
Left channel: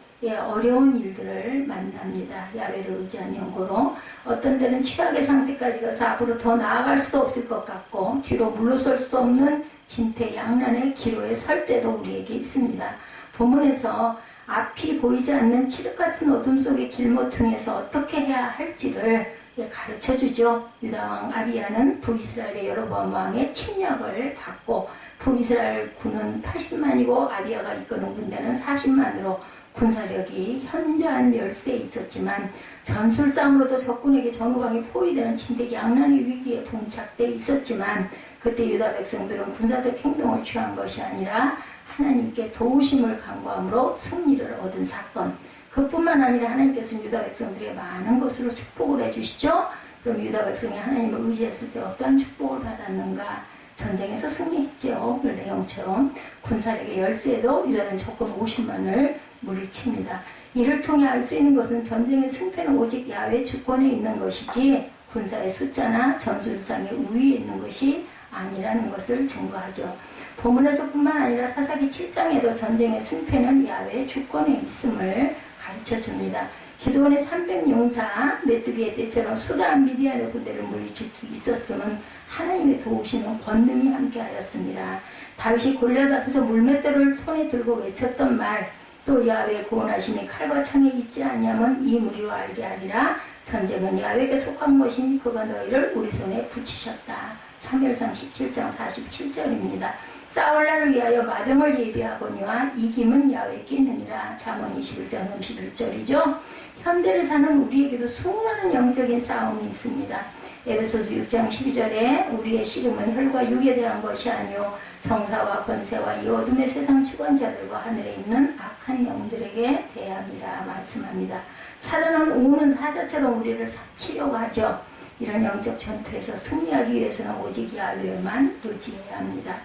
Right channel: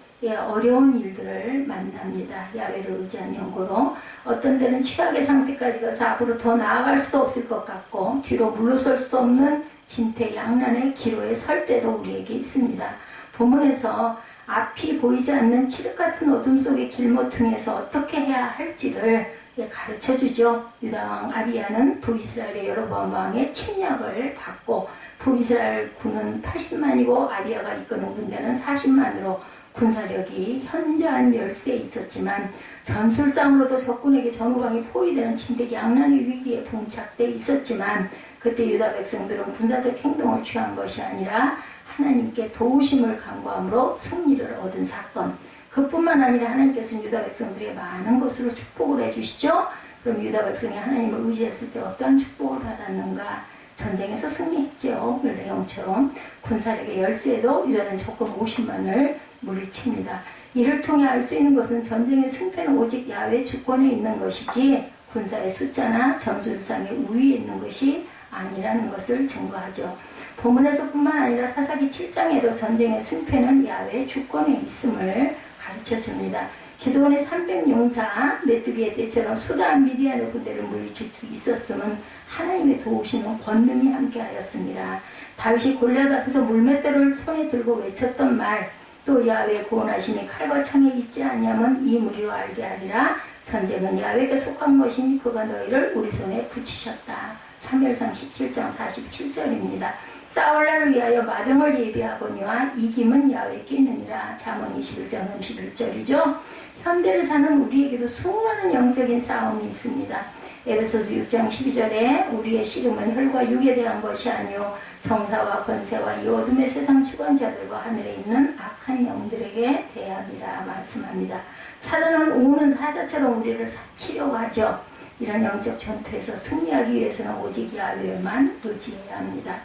어려운 일들을 만납니다. 야훼를 의지한 연고로 어떤 데는 최악의 상태까지 가서 앞으로 더 나아갈 수도 없을 것 같고 뒤로 물러설 수도 없는 진퇴양난의 기로에 설 때도 우리에게 있습니다. 본문에서 앞이 보이지 않는 칠흑 같은 어둠 속의 길모퉁이에서 어떻게 해야 할지를 가르쳐주죠. 유다왕 아비야는 북이스라엘의 여로보암 왕의 침략을 받고 북이스라엘 군은 80만이고 아비야가 이끄는 군대는 40만으로 군사력이 현저한 멸세에 있었지만 전술상으로도 적군에게 전후방이 포위되는 진퇴양난의 위기에 봉착돼 있었지만 그때 유다 백성들은 군사적 행동을 취한 것이 아니라 하나님께 도우심을 간구함으로 승리를 얻은 사건, 그뿐만 아니라 하나님께서는 유다 백성들에게 많은 것으로 축복을 해주시죠. 그럼 유다 백성이 하나님을 의지했을 때 어떠한 축복을 받았는가? 전쟁에서 승리했죠. 오늘 내용처럼 군사력의 열세에도 유다는 적군 50만을 물리칩니다. 이를 통해 알 수 있는 것은 전쟁의 승패는 오직 야훼 주권에 있는 것이지 군사의 숫자나 전술상의 우위에 있는 것이 아니라는 것을 증거하죠. 본문에서뿐만 아니라 사사기 7장에도 전쟁의 승패는 야훼 주권에 있음을 가르쳐줍니다. 기드온의 300용사 메뚜기의 때처럼 수다한 미디안의 군대를 물리칠 수 있었음은 하나님의 도우시는 권능이 함께하였습니다. 다윗이 골리앗 앞에서 물맷대를 손에 들고 외쳤던 말, 또 야훼의 구원하심이 칼과 창에 있지 아니하면 이 무리로 알게 하리라. 전쟁은 야훼에게 속한 것이니 그가 너희를 우리 손에 붙이셨다. 사무엘상 17장 47절입니다. 싸울 날을 위하여 마병을 예비하거니와 이김은 야훼께 있느니라. 잠언 21장 31절이죠. 현대를 사는 우리에게도 수많은 영적인 싸움이 있습니다. 에베소서 6장 12절에 우리의 씨름은 혈과 육에 대한 것이 아니요 정사와 권세와 이 어둠의 세상 주관자들과 하늘에 있는 악한 영들에게 대함이라 말씀합니다. 사단은 우는 사자처럼 우리를 삭히려고 하죠. 이런 영적 전투에서 승리하기 위해서는 오직 야훼만 의지해야 합니다.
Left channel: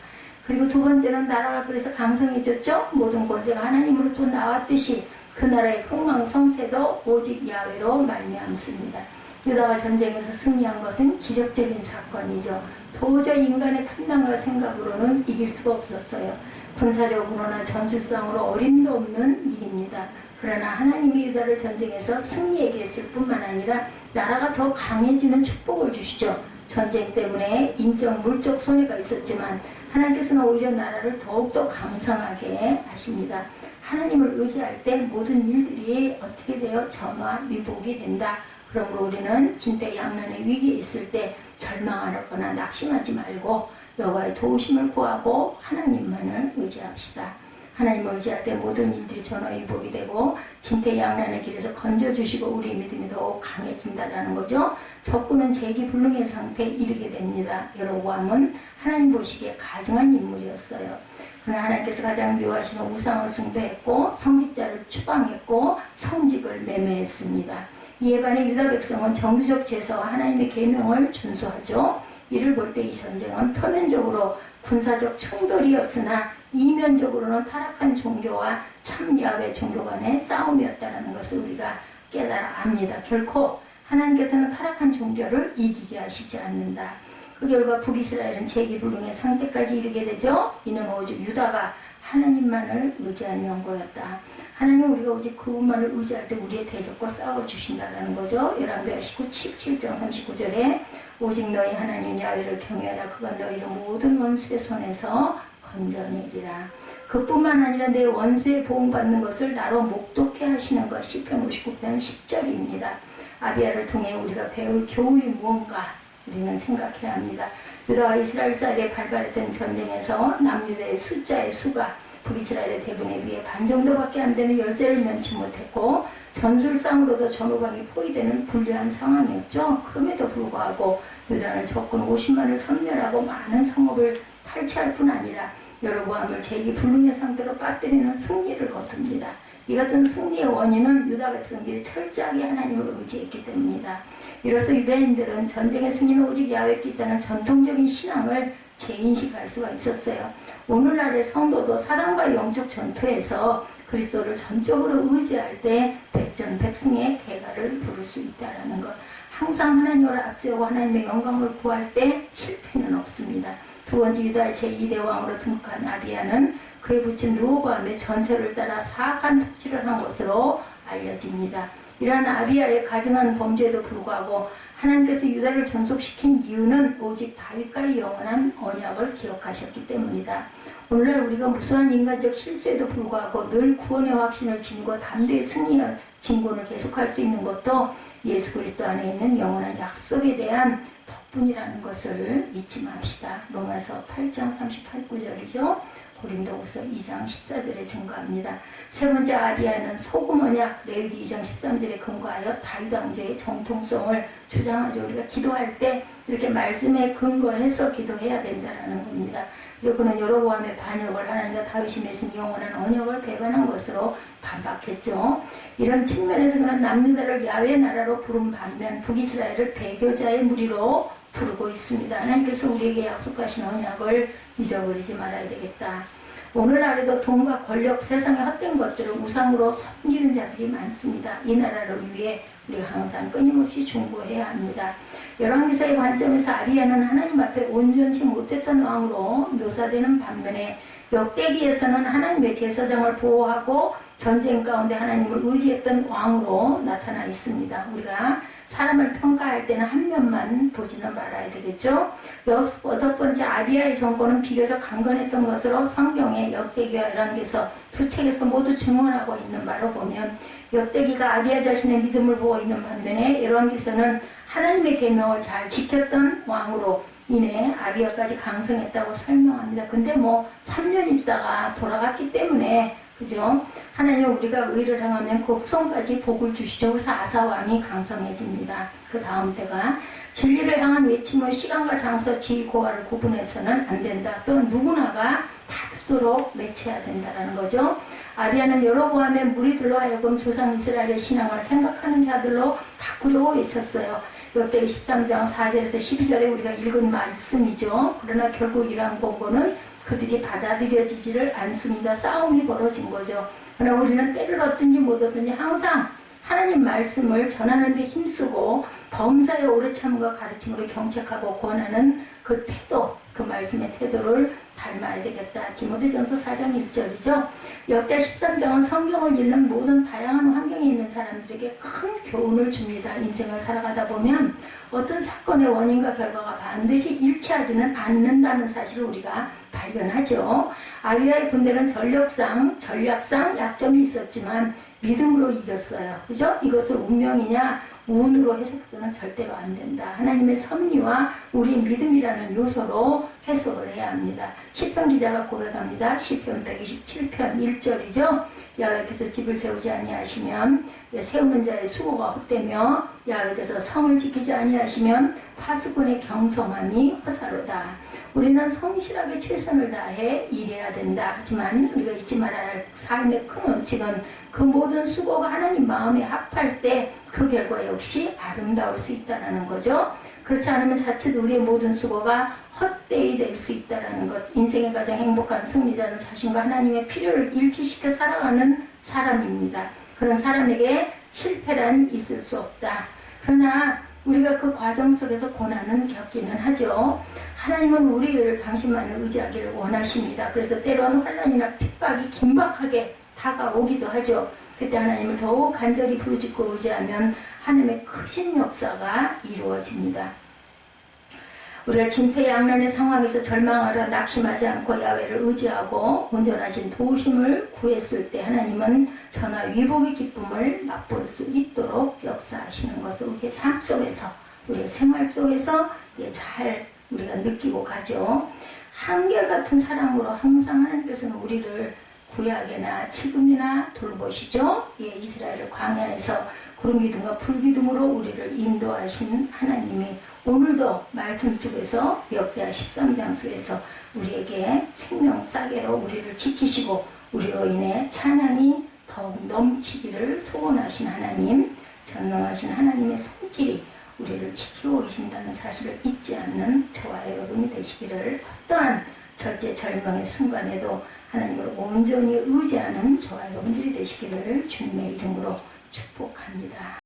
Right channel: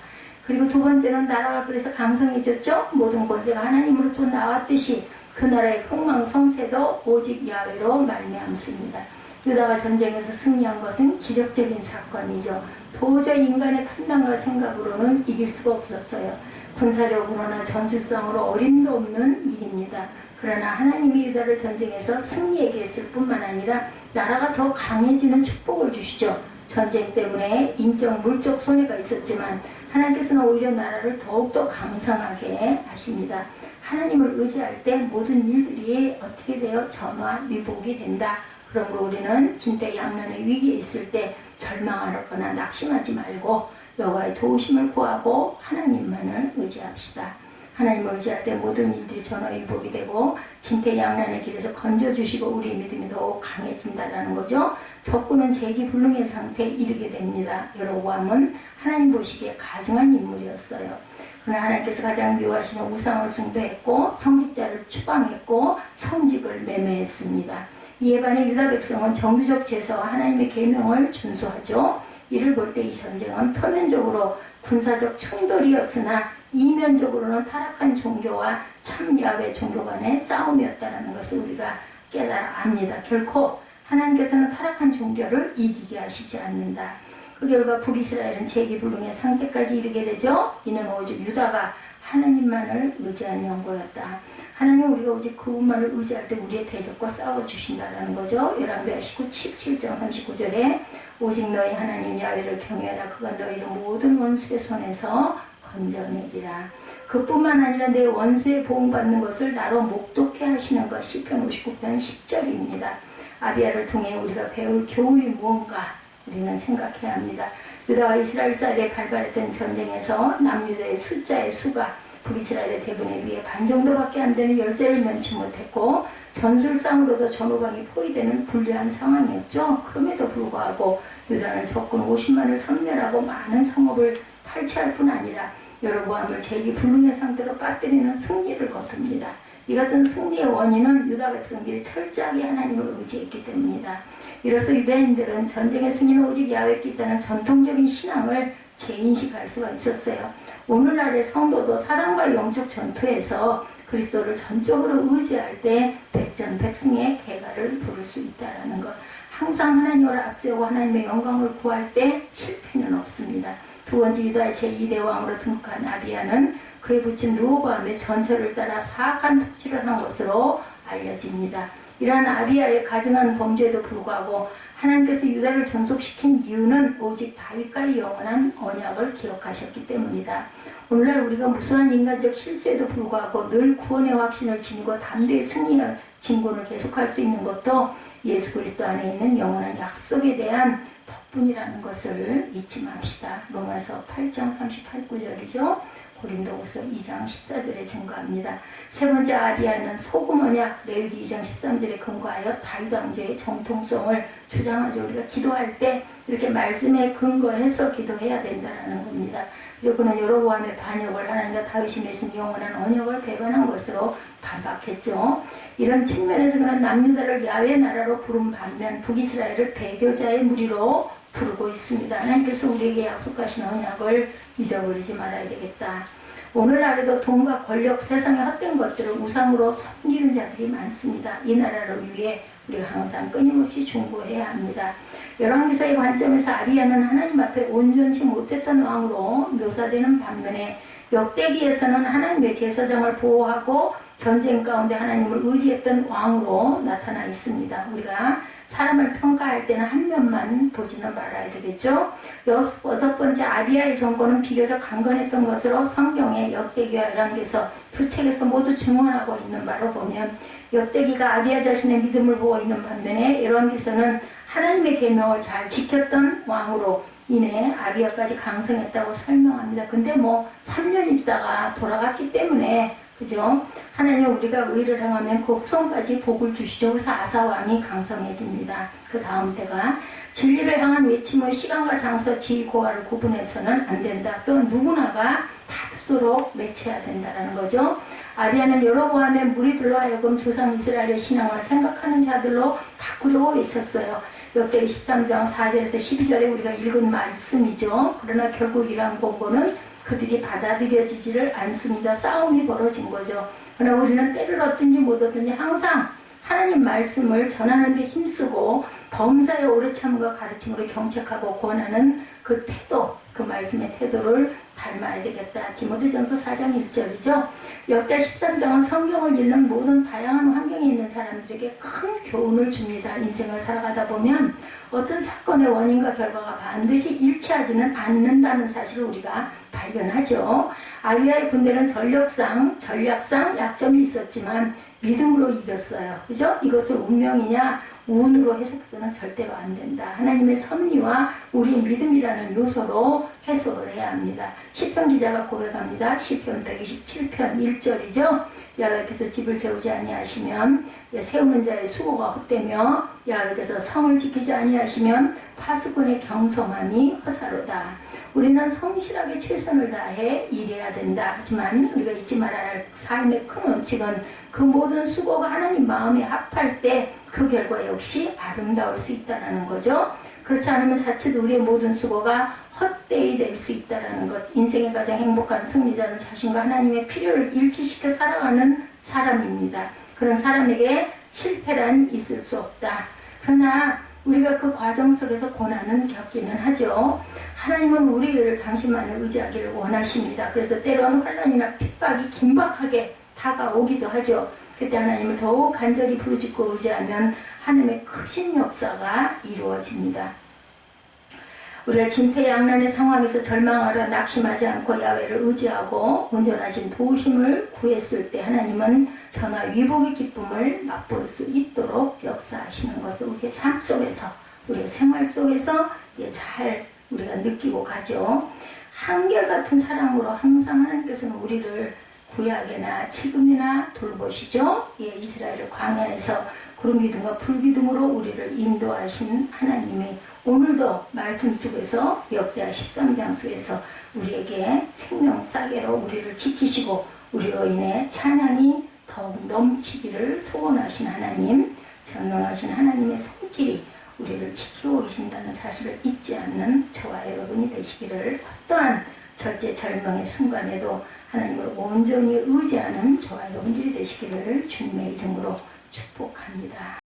그리고 두 번째는 나라가 그래서 강성해졌죠. 모든 권세가 하나님으로부터 나왔듯이 그 나라의 흥망성쇠도 오직 야훼로 말미암습니다. 유다가 전쟁에서 승리한 것은 기적적인 사건이죠. 도저히 인간의 판단과 생각으로는 이길 수가 없었어요. 군사력으로나 전술상으로 어림도 없는 일입니다. 그러나 하나님이 유다를 전쟁에서 승리하게 했을 뿐만 아니라 나라가 더 강해지는 축복을 주시죠. 전쟁 때문에 인적, 물적 손해가 있었지만 하나님께서는 오히려 나라를 더욱더 강성하게 하십니다. 하나님을 의지할 때 모든 일들이 어떻게 되어 전화위복이 된다. 그러므로 우리는 진퇴양난의 위기에 있을 때 절망하거나 낙심하지 말고 여호와의 도우심을 구하고 하나님만을 의지합시다. 하나님을 의지할 때 모든 일들이 전화위복이 되고 진퇴양난의 길에서 건져주시고 우리의 믿음이 더욱 강해진다는 거죠. 적군은 재기불능의 상태에 이르게 됩니다. 여로보암은 하나님 보시기에 가증한 인물이었어요. 그러나 하나님께서 가장 미워하시는 우상을 숭배했고 성직자를 추방했고 성직을 매매했습니다. 이에 반해 유다 백성은 정규적 제사와 하나님의 계명을 준수하죠. 이를 볼 때 이 전쟁은 표면적으로 군사적 충돌이었으나 이면적으로는 타락한 종교와 참 야훼 종교 간의 싸움이었다는 것을 우리가 깨달아 압니다. 결코 하나님께서는 타락한 종교를 이기게 하시지 않는다. 그 결과 북이스라엘은 재기불능의 상태까지 이르게 되죠. 이는 오직 유다가 하나님만을 의지한 연고였다. 하나님 우리가 오직 그분만을 의지할 때 우리의 대적과 싸워주신다는 거죠. 열왕기하 17장 39절에 오직 너희 하나님 야훼를 경외하라. 그가 너희를 모든 원수의 손에서 건져내리라. 그뿐만 아니라 내 원수의 보응받는 것을 나로 목독해 하시는 것. 시편 59편 10절입니다. 아비야를 통해 우리가 배울 교훈이 무언가 우리는 생각해야 합니다. 유다와 이스라엘 사이에 발발했던 전쟁에서 남유다의 숫자의 수가 북이스라엘의 대군에 비해 반 정도밖에 안 되는 열세를 면치 못했고 전술상으로도 전후방이 포위되는 불리한 상황이었죠. 그럼에도 불구하고 유다는 적군 50만을 섬멸하고 많은 성읍을 탈취할 뿐 아니라 여로보암을 재기불능의 상태로 빠뜨리는 승리를 거둡니다. 이 같은 승리의 원인은 유다 백성들이 철저하게 하나님을 의지했기 때문이다. 이로써 유대인들은 전쟁의 승리는 오직 야훼께 있다는 전통적인 신앙을 재인식할 수가 있었어요. 오늘날의 성도도 사단과 영적 전투에서 그리스도를 전적으로 의지할 때 백전백승의 대가를 부를 수 있다는 것. 항상 하나님을 앞세우고 하나님의 영광을 구할 때 실패는 없습니다. 두 번째 유다의 제2대 왕으로 등극한 아비야는 그의 부친 르호보암의 전설을 따라 사악한 통치를 한 것으로 알려집니다. 이러한 아비야의 가증한 범죄에도 불구하고 하나님께서 유다를 전속시킨 이유는 오직 다윗과의 영원한 언약을 기억하셨기 때문이다. 오늘날 우리가 무수한 인간적 실수에도 불구하고 늘 구원의 확신을 지니고 담대히 승리할 진군을 계속할 수 있는 것도 예수 그리스도 안에 있는 영원한 약속에 대한 덕분이라는 것을 잊지 맙시다. 로마서 8장 38구절이죠. 고린도후서 2장 14절에 증거합니다. 세 번째 아비야는 소금 언약 레위기 2장 13절에 근거하여 다윗 왕조의 정통성을 주장하죠. 우리가 기도할 때 이렇게 말씀에 근거해서 기도해야 된다는 겁니다. 그리고 그는 여로보암의 반역을 하나님과 다윗이 맺은 영원한 언약을 배반한 것으로 반박했죠. 이런 측면에서 그는 남유다를 야훼 나라로 부른 반면 북이스라엘을 배교자의 무리로 부르고 있습니다. 하나님께서 우리에게 약속하신 언약을 잊어버리지 말아야 되겠다. 오늘날에도 돈과 권력, 세상의 헛된 것들을 우상으로 섬기는 자들이 많습니다. 이 나라를 위해 우리가 항상 끊임없이 중보해야 합니다. 열왕기사의 관점에서 아비야는 하나님 앞에 온전치 못했던 왕으로 묘사되는 반면에 역대기에서는 하나님의 제사장을 보호하고 전쟁 가운데 하나님을 의지했던 왕으로 나타나 있습니다. 우리가 사람을 평가할 때는 한 면만 보지는 말아야 되겠죠. 여섯 번째, 아비야의 정권은 비교적 강건했던 것으로 성경의 역대기와 열왕기서 두 책에서 모두 증언하고 있는 바로 보면 역대기가 아비야 자신의 믿음을 보고 있는 반면에 열왕기서는 하나님의 계명을 잘 지켰던 왕으로 인해 아비야까지 강성했다고 설명합니다. 근데 3년 있다가 돌아갔기 때문에 그죠? 하나님 우리가 의를 행하면 그 후손까지 복을 주시죠. 그래서 아사 왕이 강성해집니다. 그 다음 때가 진리를 향한 외침은 시간과 장소, 지위, 고하를 구분해서는 안 된다. 또 누구나가 다 듣도록 맺혀야 된다는 거죠. 아비야는 여로보암의 무리들로 하여금 조상 이스라엘의 신앙을 생각하는 자들로 바꾸려고 외쳤어요. 역대기 13장 4절에서 12절에 우리가 읽은 말씀이죠. 그러나 결국 이러한 공고는 그들이 받아들여지지를 않습니다. 싸움이 벌어진 거죠. 그러나 우리는 때를 얻든지 못 얻든지 항상 하나님 말씀을 전하는 데 힘쓰고 범사의 오래 참음과 가르침으로 경책하고 권하는 그 태도, 그 말씀의 태도를 닮아야 되겠다. 디모데전서 4장 1절이죠. 역대 13장은 성경을 읽는 모든 다양한 환경에 있는 사람들에게 큰 교훈을 줍니다. 인생을 살아가다 보면 어떤 사건의 원인과 결과가 반드시 일치하지는 않는다는 사실을 우리가 발견하죠. 아비야의 군대는 전략상 약점이 있었지만 믿음으로 이겼어요. 그죠? 이것을 운명이냐 운으로 해석해서는 절대로 안 된다. 하나님의 섭리와 우리의 믿음이라는 요소로 해석을 해야 합니다. 시편 기자가 고백합니다. 시편 127편 1절이죠. 야훼께서 집을 세우지 아니하시면 세우는 자의 수고가 헛되며 야훼께서 성을 지키지 아니하시면 파수꾼의 경성함이 허사로다. 우리는 성실하게 최선을 다해 일해야 된다. 하지만 우리가 잊지 말아야 할 삶의 큰 원칙은 그 모든 수고가 하나님 마음에 합할 때 그 결과 역시 아름다울 수 있다는 거죠. 그렇지 않으면 자칫 우리의 모든 수고가 헛되이 될 수 있다는 것. 인생의 가장 행복한 승리자는 자신과 하나님의 필요를 일치시켜 살아가는 사람입니다. 그런 사람에게 실패란 있을 수 없다. 그러나 우리가 그 과정 속에서 고난은 겪기는 하죠. 하나님은 우리를 당신만을 의지하기를 원하십니다. 그래서 때로는 환난이나 핍박이 긴박하게 다가오기도 하죠. 그때 하나님을 더욱 간절히 부르짖고 의지하면 하나님의 크신 역사가 이루어집니다. 우리가 진퇴양난의 상황에서 절망하러 낙심하지 않고 야훼를 의지하고 온전하신 도우심을 구했을 때 하나님은 전하 위복의 기쁨을 맛볼 수 있도록 역사하시는 것을 우리의 삶 속에서, 우리의 생활 속에서 잘 우리가 느끼고 가죠. 한결같은 사랑으로 항상 하나님께서는 우리를 구약이나 지금이나 돌보시죠. 이스라엘을 광야에서 구름기둥과 불기둥으로 우리를 인도하신 하나님이 오늘도 말씀 속에서 역대하 13장 속에서 우리에게 생명 싸게로 우리를 지키시고 우리로 인해 찬양이 더욱 넘치기를 소원하신 하나님, 전능하신 하나님의 손길이 우리를 지키고 계신다는 사실을 잊지 않는 저와 여러분이 되시기를, 어떠한 절제절명의 순간에도 하나님을 온전히 의지하는 저와 여러분들이 되시기를 주님의 이름으로 축복합니다.